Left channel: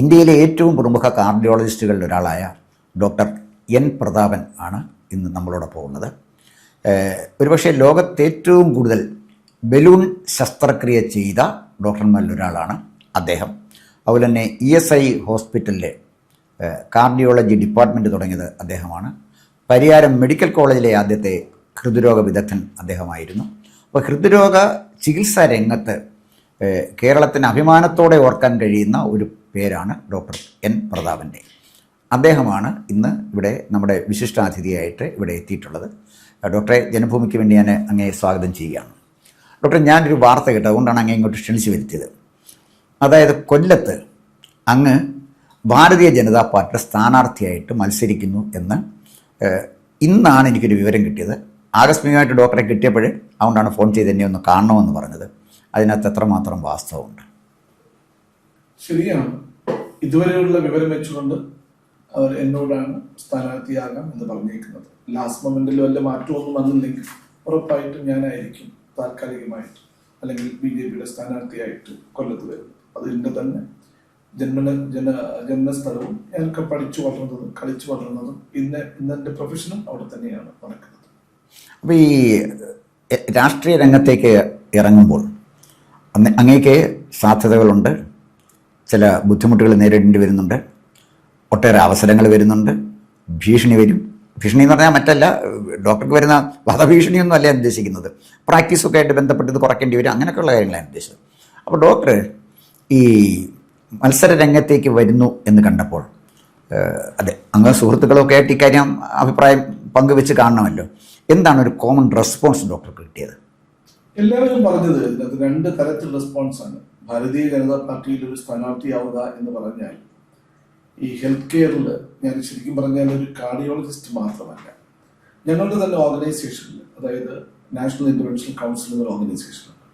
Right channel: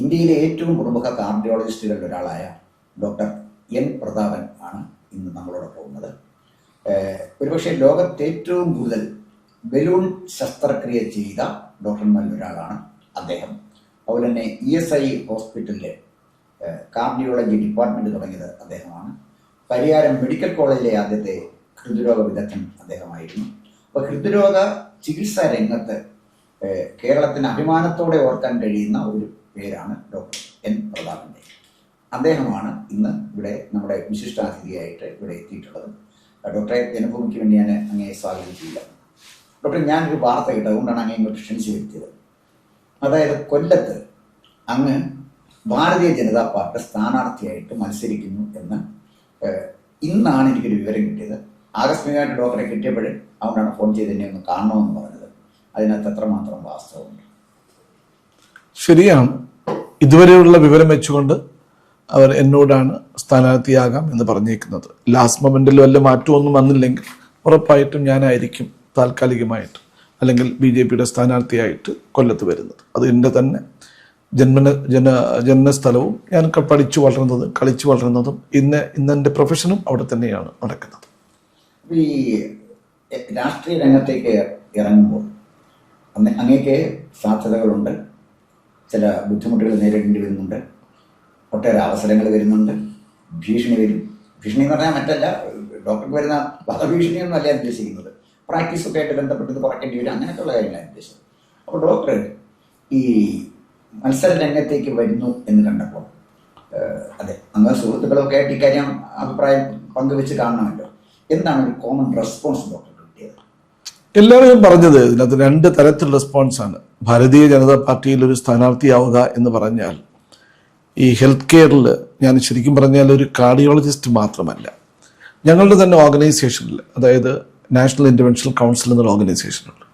ഇന്ത്യയിലെ ഏറ്റവും പ്രമുഖ കാർഡിയോളജിസ്റ്റുകളിൽ ഒരാളായ ഡോക്ടർ എൻ പ്രതാപൻ ആണ് ഇന്ന് നമ്മളോടൊപ്പം ഉള്ളത്. ഒരുപക്ഷെ ലോകത്ത് ഏറ്റവും കൂടുതൽ ബലൂൺ ശസ്ത്രക്രിയ ചെയ്ത ഡോക്ടർമാരിൽ ഒരാളാണ് അദ്ദേഹം. അതുപോലെ തന്നെ ESI ഹോസ്പിറ്റലിലെ കാർഡിയോളജി ഡിപ്പാർട്ട്മെൻറ്റ് തുടങ്ങിയത് അദ്ദേഹമാണ്. പരിയാരം മെഡിക്കൽ കോളേജിലെ ആദ്യത്തെ ഹൃദ്രോഗ വിദഗ്ധൻ അദ്ദേഹമായിരുന്നു. അപ്പോൾ ഹൃദ്രോഗ ചികിത്സാ രംഗത്ത് കേരളത്തിന് അഭിമാനത്തോടെ ഓർക്കാൻ കഴിയുന്ന ഒരു പേരാണ് ഡോക്ടർ എൻ പ്രതാപൻ്റെ. അദ്ദേഹമാണ് ഇന്ന് ഇവിടെ നമ്മുടെ വിശിഷ്ടാതിഥിയായിട്ട് ഇവിടെ എത്തിയിട്ടുള്ളത്. ഡോക്ടറെ, ജനഭൂമിക്ക് വേണ്ടി ഞാൻ അങ്ങയെ സ്വാഗതം ചെയ്യുകയാണ്. ഡോക്ടറെ, ഞാനൊരു വാർത്ത കേട്ടത്, അതുകൊണ്ടാണ് അങ്ങേ ഇങ്ങോട്ട് ക്ഷണിച്ചു വരുത്തിയത്. അതായത് കൊല്ലത്ത് അങ്ങ് ഭാരതീയ ജനതാ പാർട്ടി സ്ഥാനാർത്ഥിയായിട്ട് മത്സരിക്കുന്നു എന്ന് ഇന്നാണ് എനിക്കൊരു വിവരം കിട്ടിയത്. ആകസ്മികമായിട്ട് ഡോക്ടറെ കിട്ടിയപ്പോൾ അതുകൊണ്ടാണ് ഫോൺ ചെയ്ത് എന്നെ ഒന്ന് കാണണമെന്ന് പറഞ്ഞത്. അതിനകത്ത് എത്രമാത്രം വാസ്തവമുണ്ട്? ശരിയാണ്. ഇതുവരെയുള്ള വിവരം വെച്ചുകൊണ്ട് അവർ എന്നോടാണ് സ്ഥാനാർത്ഥിയാകാം എന്ന് പറഞ്ഞേക്കുന്നത്. ലാസ്റ്റ് മൊമെൻറ്റിൽ വല്ല മാറ്റമൊന്നും വന്നില്ലെങ്കിൽ ഉറപ്പായിട്ടും ഞാനായിരിക്കും താൽക്കാലികമായിട്ട് അല്ലെങ്കിൽ BJPയുടെ സ്ഥാനാർത്ഥിയായിട്ട് കൊല്ലത്ത് വരുന്നത്. അത് എൻ്റെ തന്നെ ജന്മസ്ഥലവും ഞാൻ പഠിച്ചു വളർന്നതും കളിച്ചു വളർന്നതും ഇന്നെൻ്റെ പ്രൊഫഷനും അവിടെ തന്നെയാണ് നടക്കുന്നത്. അപ്പോൾ ഈ രാഷ്ട്രീയ രംഗത്തേക്ക് ഇറങ്ങുമ്പോൾ അങ്ങേക്ക് സാധ്യതകളുണ്ട്, ചില ബുദ്ധിമുട്ടുകൾ നേരിടേണ്ടി വരുന്നുണ്ട്, ഒട്ടേറെ അവസരങ്ങൾ വരുന്നുണ്ട്, ഭീഷണി വരും. ഭീഷണി എന്ന് പറഞ്ഞാൽ മറ്റല്ല, ഡോക്ടർക്ക് വരുന്ന വധഭീഷണിയൊന്നും അല്ല ഞാൻ ഉദ്ദേശിക്കുന്നത്. പ്രാക്ടീസൊക്കെ ആയിട്ട് ബന്ധപ്പെട്ട് കുറയ്ക്കേണ്ടി വരും, അങ്ങനെയൊക്കെയുള്ള കാര്യങ്ങളാണ് ഉദ്ദേശിച്ചത്. അപ്പോൾ ഡോക്ടർ ഈ മത്സര രംഗത്തേക്ക് വരുന്നു എന്ന് കണ്ടപ്പോൾ, അതെ, അങ്ങ് സുഹൃത്തുക്കളൊക്കെ ആയിട്ട് ഇക്കാര്യം അഭിപ്രായം പങ്കുവെച്ച് കാണണമല്ലോ, എന്താണ് ഒരു കോമൺ റെസ്പോൺസ് ഡോക്ടർക്ക് കിട്ടിയത്? എല്ലാവരും പറഞ്ഞത് ഇതിനകത്ത് രണ്ട് തരത്തിൽ റെസ്പോൺസാണ്. ഭാരതീയ ജനതാ പാർട്ടിയിൽ ഒരു സ്ഥാനാർത്ഥിയാവുക എന്ന് പറഞ്ഞാൽ ഈ ഹെൽത്ത് കെയറിൽ ഞാൻ ശരിക്കും പറഞ്ഞാൽ ഒരു കാർഡിയോളജിസ്റ്റ് മാത്രമല്ല, ഞങ്ങളുടെ തന്നെ ഓർഗനൈസേഷനിൽ, അതായത് നാഷണൽ ഇൻ്റർവെൻഷണൽ കൗൺസിൽ എന്നൊരു ഓർഗനൈസേഷനുണ്ട്.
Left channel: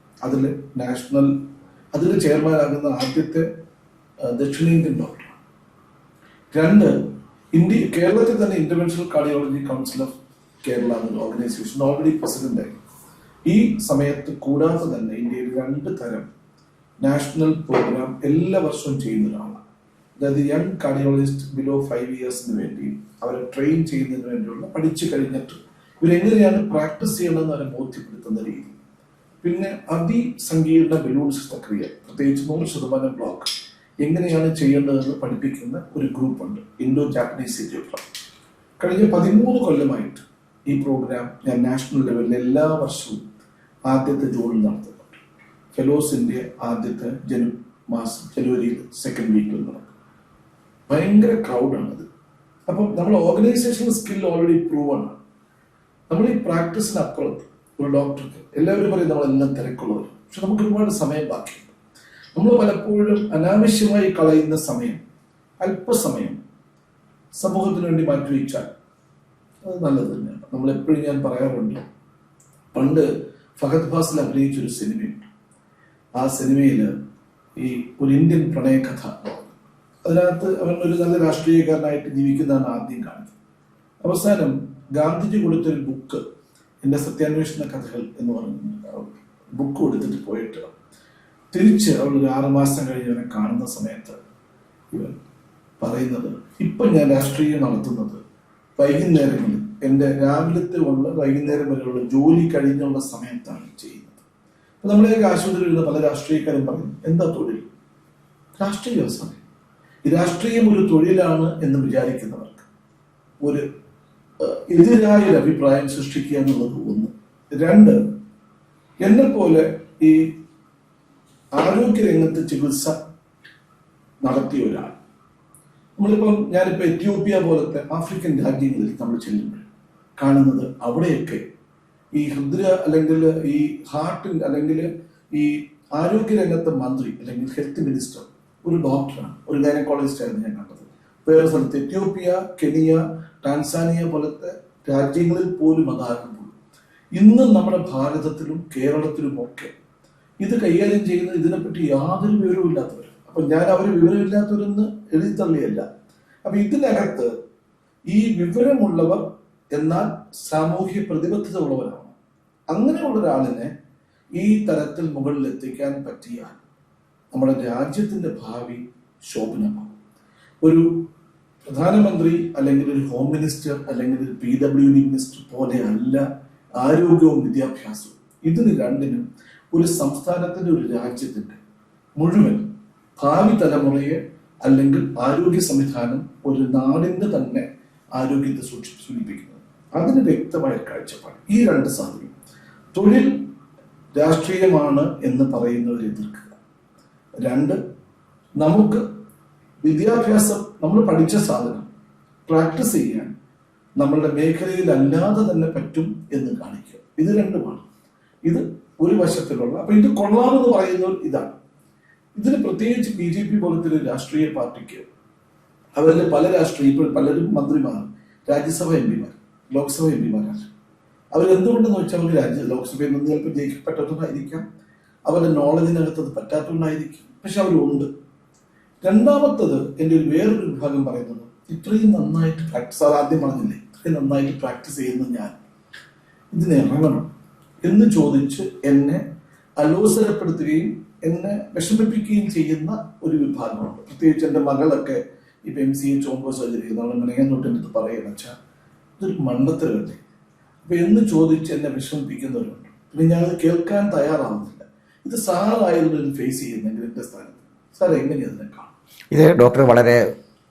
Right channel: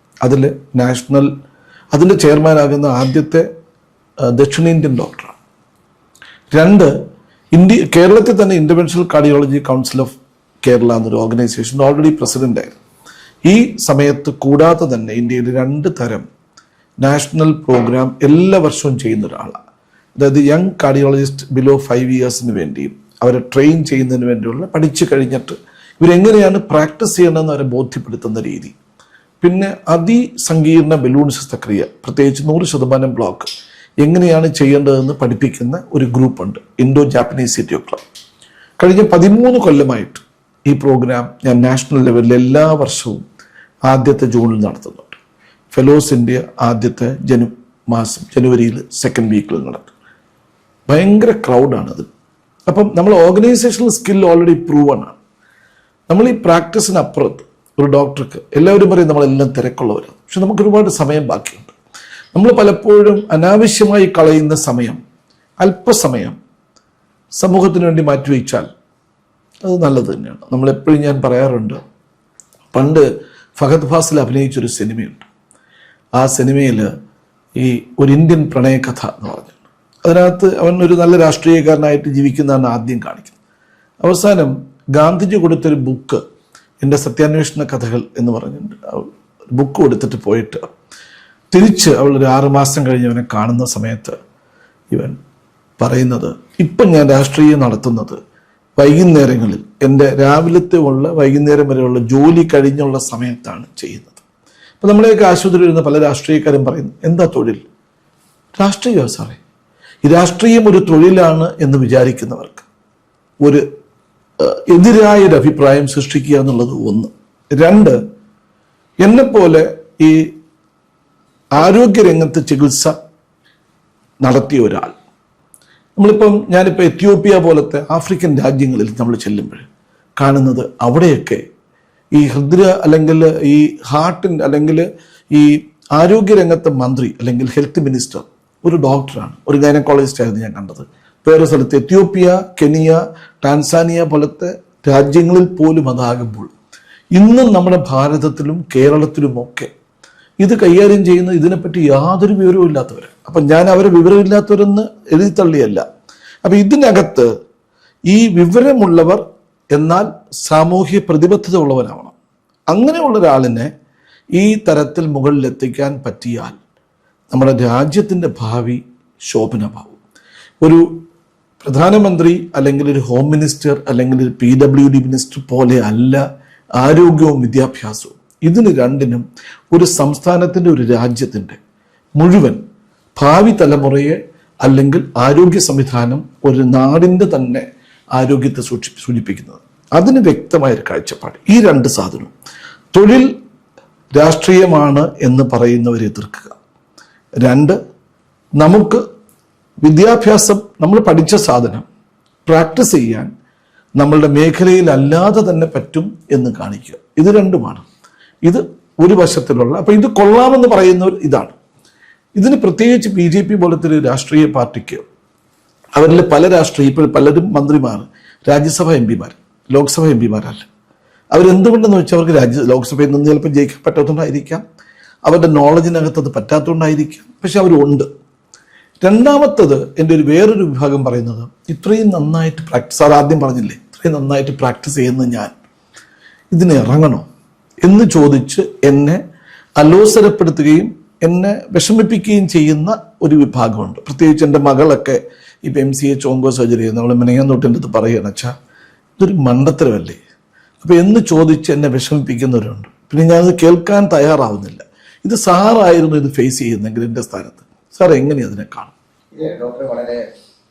അതിൻ്റെ ചെയർമാനാകുന്ന ആദ്യത്തെ ദക്ഷിണേന്ത്യൻ ഡോക്ടറാണ്. കേരളത്തിൽ തന്നെ interventional cardiology council of Kerala എന്നൊരു ഓർഗനൈസേഷൻ ഓൾറെഡി പ്രസിഡൻ്റായിരുന്നു. ഈ സമയത്ത് കൂടാതെ തന്നെ ഇന്ത്യയിൽ 2 തരം നാഷണൽ പ്രോഗ്രാം എല്ലാ വർഷവും ചെയ്യുന്ന ഒരാളാണ്. അതായത് യങ് കാർഡിയോളജിസ്റ്റ് ബിലോ 5 ഇയേഴ്സിന് വേണ്ടിയും അവരെ ട്രെയിൻ ചെയ്യുന്നതിന് വേണ്ടിയുള്ള, പഠിച്ചു കഴിഞ്ഞിട്ട് ഇവരെങ്ങനെയാണ് പ്രാക്ടീസ് ചെയ്യണമെന്ന് അവരെ ബോധ്യപ്പെടുത്തുന്ന രീതി. പിന്നെ അതിസങ്കീർണ ബലൂൺ ശസ്ത്രക്രിയ, പ്രത്യേകിച്ച് 100% ബ്ലോക്ക് എങ്ങനെയാണ് ചെയ്യേണ്ടതെന്ന് പഠിപ്പിക്കുന്ന ഒരു ഗ്രൂപ്പുണ്ട്, ഇൻഡോ ജാപ്പനീസ് സിറ്റി ക്ലബ്. കഴിഞ്ഞ 13 കൊല്ലമായിട്ട് ഈ പ്രോഗ്രാം ഞാൻ നാഷണൽ ലെവലിൽ എല്ലാ വർഷവും ആദ്യത്തെ ജൂണിൽ നടത്തുന്നുണ്ട്. ഫെലോസ് ഇന്ത്യ ആദ്യത്തെ ജനുവരിയിൽ 2nd വീക്കിൽ നടക്കും. ഭയങ്കര ക്രൗഡാണത്. അപ്പം നമ്മൾ ഓർഗനൈസേഷണൽ സ്കിൽ ഓൾറെഡി പ്രൂവൺ ആണ്. നമ്മൾ ഈ പ്രാക്ടീസിനപ്പുറത്ത് ഒരു ഡോക്ടർക്ക്, എല്ലാവരും പറയും നമ്മളെല്ലാം തിരക്കുള്ളവരാണ്, പക്ഷെ നമുക്ക് ഒരുപാട് സമയം ബാക്കിയുണ്ട്. നമ്മൾ പലപ്പോഴും അനാവശ്യമായി കളയുന്ന സമയം, അല്പസമയം സമൂഹത്തിന് വേണ്ടി മാറ്റിവെച്ചാൽ അത് നല്ലത് തന്നെയാണ്. നമ്മളെപ്പോഴും ഞാൻ പറയാറുണ്ട്, പണ്ട് ഫഹദ് ഫാസിൽ അഭിനയിച്ചൊരു സിനിമയുണ്ട്. ആ സിനിമയിൽ ഈ ഒരു ഇന്ത്യൻ പ്രണയകഥ എന്ന് പറഞ്ഞു, അതിനകത്ത് അവൻ ഒരു നല്ല രാഷ്ട്രീയക്കാരനായിട്ട് ജീവിക്കുന്നതാണ് ആദ്യം കാണിക്കുന്നത്. അവസാനം ഗാന്ധിജി കൊടുത്തൊരു ബുക്ക്, എൻ്റെ സത്യാന്വേഷണ കഥകൾ എന്ന് പറഞ്ഞിട്ടുണ്ട്, ബുക്ക് കൊടുത്തിട്ട് പോയിട്ട് തിരിച്ച് അവൾ ഒരു 6 മാസം കഴിഞ്ഞ് അവനെ കാണുന്ന സമയത്ത് ഇവൻ പറയുന്നത്, ഇപ്പം ഞാൻ രാഷ്ട്രീയം നടത്തുന്നത് വൈകുന്നേരങ്ങളിൽ, എൻ്റെ രാവിലത്തെ വൈകുന്നേരം വരെയുള്ള ജോലി കഴിഞ്ഞുള്ള സമയത്താണ് ചെയ്യുന്നത്. അപ്പോൾ നമ്മളെയൊക്കെ ആശുപത്രിയിൽ ഇരുന്ന് പല രാഷ്ട്രീയക്കാരും പറയുന്നു, എന്താ തൊഴിൽ? രാഷ്ട്രീയം സാറേ. ഈ രാഷ്ട്രീയം ഒരു തൊഴിലാണ് എന്ന് വിചാരിക്കുന്നവർക്ക് ഒരു എതിരായൊരു അഭിപ്രായം സൃഷ്ടിക്കുക എന്നുള്ളത് 1. 2, എന്നെപ്പോലെ ഈ ആരോഗ്യരംഗത്ത് ചികിത്സ നടത്തിയ ഒരാൾ, ഞാനിപ്പോൾ എത്യോപ്യ പോലത്തെ ആഫ്രിക്കൻ രാജ്യങ്ങളിൽ നമ്മൾ ചെല്ലുമ്പോൾ കാണുന്നത്, അവിടെയൊക്കെ ഈ അല്ലെങ്കിൽ ഈ ഹാർട്ടിൻ്റെ അല്ലെങ്കിൽ ഈ ആരോഗ്യരംഗത്തെ മന്ത്രി അല്ലെങ്കിൽ ഹെൽത്ത് മിനിസ്റ്റർ ഒരു ഡോക്ടറാണ്, ഒരു ഗൈനക്കോളജിസ്റ്റ് ആയിരുന്നു ഞാൻ കണ്ടത്. വേറെ സ്ഥലത്ത് എത്യോപ്യ, കെനിയ, ടാൻസാനിയ പോലത്തെ രാജ്യങ്ങളിൽ പോലും അതാകുമ്പോൾ ഇന്നും നമ്മുടെ ഭാരതത്തിലും കേരളത്തിലുമൊക്കെ ഇത് കൈകാര്യം ചെയ്യുന്ന ഇതിനെപ്പറ്റി യാതൊരു വിവരവും ഇല്ലാത്തവർ. അപ്പം ഞാൻ അവരെ വിവരമില്ലാത്തവരെന്ന് എഴുതിത്തള്ളിയല്ല. അപ്പം ഇതിനകത്ത് ഈ വിവരമുള്ളവർ എന്നാൽ സാമൂഹ്യ പ്രതിബദ്ധത ഉള്ളവരാവണം. അങ്ങനെയുള്ള ഒരാളിനെ ഈ തരത്തിൽ മുകളിലെത്തിക്കാൻ പറ്റിയാൽ നമ്മുടെ രാജ്യത്തിൻ്റെ ഭാവി ശോഭന ബാബു. ഒരു പ്രധാനമന്ത്രി അല്ലെങ്കിൽ ഒരു ഹോം മിനിസ്റ്റർ അല്ലെങ്കിൽ ഒരു PWD മിനിസ്റ്റർ പോലെ അല്ല ആരോഗ്യവും വിദ്യാഭ്യാസവും. ഇതിന് രണ്ടിനും ഒരു സംസ്ഥാനത്തിൻ്റെ, ഒരു രാജ്യത്തിൻ്റെ മുഴുവൻ ഭാവി തലമുറയെ അല്ലെങ്കിൽ ആരോഗ്യ സംവിധാനം ഒരു നാടിൻ്റെ തന്നെ ആരോഗ്യത്തെ സൂചിപ്പിക്കുന്നത്. അതിന് വ്യക്തമായൊരു കാഴ്ചപ്പാട്. ഈ രണ്ട് സാധനവും തൊഴിൽ രാഷ്ട്രീയമാണ് എന്ന് പറയുന്നവരെ എതിർക്കുക. രണ്ട്, നമുക്ക് വിദ്യാഭ്യാസം, നമ്മൾ പഠിച്ച സാധനം പ്രാക്ടീസ് ചെയ്യാൻ നമ്മളുടെ മേഖലയിൽ അല്ലാതെ തന്നെ പറ്റും എന്ന് കാണിക്കുക. ഇത് രണ്ടുമാണ്. ഇത് ഒരു വശത്തിലുള്ള, അപ്പോൾ ഇത് കൊള്ളാമെന്ന് പറയുന്നവർ ഇതാണ്. ഇതിന് പ്രത്യേകിച്ച് BJP പോലത്തെ ഒരു രാഷ്ട്രീയ പാർട്ടിക്ക്, അവരിൽ പല ഇപ്പോൾ പലരും മന്ത്രിമാർ, രാജ്യസഭ MP മാർ, ലോക്സഭ MP മാരല്ല. അവരെന്തുകൊണ്ടെന്ന് വെച്ചാൽ അവർക്ക് ലോക്സഭയിൽ നിന്ന് ചിലപ്പോൾ ജയിക്കാൻ പറ്റാത്തതുകൊണ്ടായിരിക്കാം, അവരുടെ നോളജിനകത്ത് അത് പറ്റാത്തതുകൊണ്ടായിരിക്കാം, പക്ഷെ അവരുണ്ട്. രണ്ടാമത്തത്, എൻ്റെ വേറൊരു വിഭാഗം പറയുന്നത്, ഇത്രയും നന്നായിട്ട് പ്രാക്ടീസ്, സാർ ആദ്യം പറഞ്ഞില്ലേ, ഇത്രയും നന്നായിട്ട് പ്രാക്ടീസ് ചെയ്യുന്ന ഞാൻ ഇതിന് ഇറങ്ങണോ എന്ന് ചോദിച്ച് എന്നെ അലോസരപ്പെടുത്തുകയും എന്നെ വിഷമിപ്പിക്കുകയും ചെയ്യുന്ന ഒരു വിഭാഗമുണ്ട്. പ്രത്യേകിച്ച് എൻ്റെ മകളൊക്കെ ഇപ്പം MCA ചോങ്കോ സർജറി ചെയ്യുന്ന, നമ്മൾ മിനങ്ങാന്നോട്ടിൻ്റെ അടുത്ത് പറയുകയാണ്, അച്ഛാ ഇതൊരു മണ്ടത്തരമല്ലേ, അപ്പോൾ എന്ന് ചോദിച്ച് എന്നെ വിഷമിപ്പിക്കുന്നവരുണ്ട്. പിന്നെ ഞാനത് കേൾക്കാൻ തയ്യാറാവുന്നില്ല. ഇത് സാറായിരുന്നു ഇത് ഫേസ് ചെയ്യുന്നെങ്കിൽ എൻ്റെ സ്ഥാനത്ത്, സാർ എങ്ങനെ അതിനെ കാണും? ഇത് ഡോക്ടർ വളരെ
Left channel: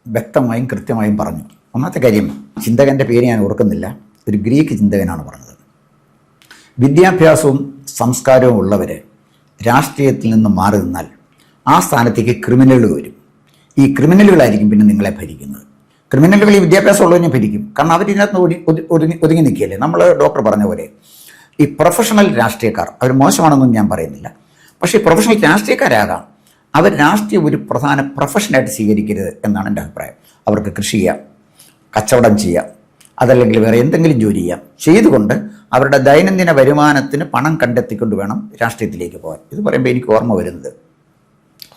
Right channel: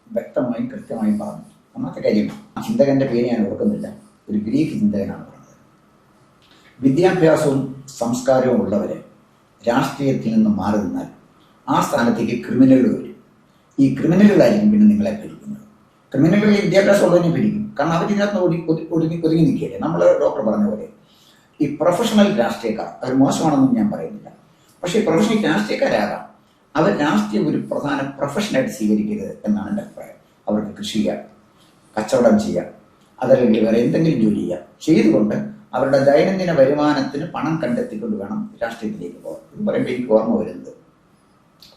വ്യക്തമായും കൃത്യമായും പറഞ്ഞു. ഒന്നാമത്തെ കാര്യം, ചിന്തകൻ്റെ പേര് ഞാൻ ഓർക്കുന്നില്ല, ഒരു ഗ്രീക്ക് ചിന്തകനാണ് പറഞ്ഞത്, വിദ്യാഭ്യാസവും സംസ്കാരവും ഉള്ളവർ രാഷ്ട്രീയത്തിൽ നിന്ന് മാറി നിന്നാൽ ആ സ്ഥാനത്തേക്ക് ക്രിമിനലുകൾ വരും. ഈ ക്രിമിനലുകളായിരിക്കും പിന്നെ നിങ്ങളെ ഭരിക്കുന്നത്. ക്രിമിനലുകൾ ഈ വിദ്യാഭ്യാസം ഉള്ളവരെ ഭരിക്കും. കാരണം അവരിതിനകത്ത് ഒതുങ്ങി നിൽക്കുകയല്ലേ. നമ്മൾ ഡോക്ടർ പറഞ്ഞ പോലെ ഈ പ്രൊഫഷണൽ രാഷ്ട്രീയക്കാർ, അവർ മോശമാണെന്നും ഞാൻ പറയുന്നില്ല, പക്ഷേ പ്രൊഫഷണൽ രാഷ്ട്രീയക്കാരാകാം, അവർ രാഷ്ട്രീയം ഒരു പ്രധാന പ്രൊഫഷനായിട്ട് സ്വീകരിക്കരുത് എന്നാണ് എൻ്റെ അഭിപ്രായം. അവർക്ക് കൃഷി ചെയ്യാം, കച്ചവടം ചെയ്യാം, അതല്ലെങ്കിൽ വേറെ എന്തെങ്കിലും ജോലി ചെയ്യാം, ചെയ്തുകൊണ്ട് അവരുടെ ദൈനംദിന വരുമാനത്തിന് പണം കണ്ടെത്തിക്കൊണ്ട് വേണം രാഷ്ട്രീയത്തിലേക്ക് പോകാൻ. ഇത് പറയുമ്പോൾ എനിക്ക് ഓർമ്മ വരുന്നത്,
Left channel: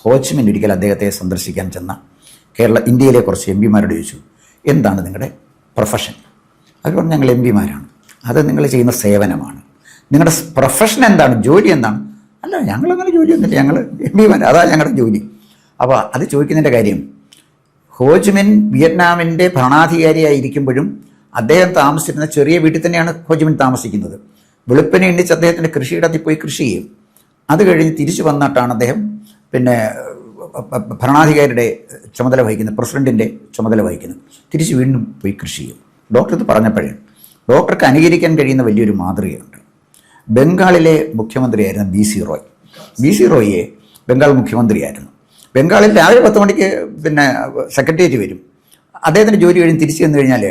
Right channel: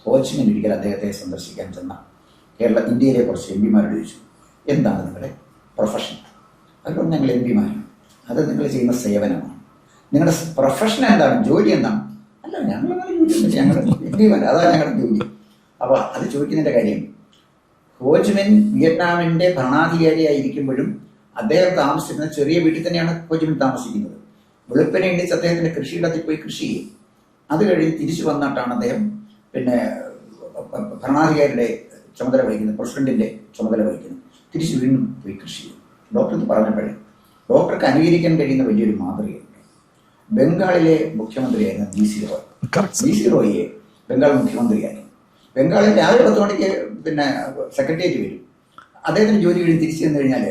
ഹോച്ചിമിൻ ഒരിക്കൽ അദ്ദേഹത്തെ സന്ദർശിക്കാൻ ചെന്ന ഇന്ത്യയിലെ കുറച്ച് MP മാരോട് ചോദിച്ചു, എന്താണ് നിങ്ങളുടെ പ്രൊഫഷൻ? അവർ പറഞ്ഞു, ഞങ്ങൾ MP മാരാണ്. അത് നിങ്ങൾ ചെയ്യുന്ന സേവനമാണ്. നിങ്ങളുടെ പ്രൊഫഷൻ എന്താണ്, ജോലി എന്താണ്? അല്ല, ഞങ്ങളങ്ങനെ ജോലിയൊന്നുമില്ല, ഞങ്ങൾ MP മാർ, അതാണ് ഞങ്ങളുടെ ജോലി. അപ്പോൾ അത് ചോദിക്കുന്നതിൻ്റെ കാര്യം, ഹോച്ചിമിൻ വിയറ്റ്നാമിൻ്റെ ഭരണാധികാരിയായിരിക്കുമ്പോഴും അദ്ദേഹം താമസിച്ചിരുന്ന ചെറിയ വീട്ടിൽ തന്നെയാണ് ഹോച്ചിമിൻ താമസിക്കുന്നത്. വെളുപ്പിനെ എണ്ണിച്ച് അദ്ദേഹത്തിൻ്റെ കൃഷിയിടത്തിൽ പോയി കൃഷി ചെയ്യും. അത് കഴിഞ്ഞ് തിരിച്ചു വന്നിട്ടാണ് അദ്ദേഹം പിന്നെ ഭരണാധികാരിയുടെ ചുമതല വഹിക്കുന്നത്, പ്രസിഡന്റിൻ്റെ ചുമതല വഹിക്കുന്നത്. തിരിച്ച് വീണ്ടും പോയി കൃഷി ചെയ്യും. ഡോക്ടർ ഇത് പറഞ്ഞപ്പോഴേ ഡോക്ടർക്ക് അനുകരിക്കാൻ കഴിയുന്ന വലിയൊരു മാതൃകയുണ്ട്. ബംഗാളിലെ മുഖ്യമന്ത്രിയായിരുന്നു BC റോയ്. BC റോയിയെ ബംഗാൾ മുഖ്യമന്ത്രിയായിരുന്നു. ബംഗാളിൽ രാവിലെ 10 മണിക്ക് പിന്നെ സെക്രട്ടേറിയറ്റ് വരും. അദ്ദേഹത്തിൻ്റെ ജോലി കഴിഞ്ഞ് തിരിച്ചു ചെന്ന് കഴിഞ്ഞാൽ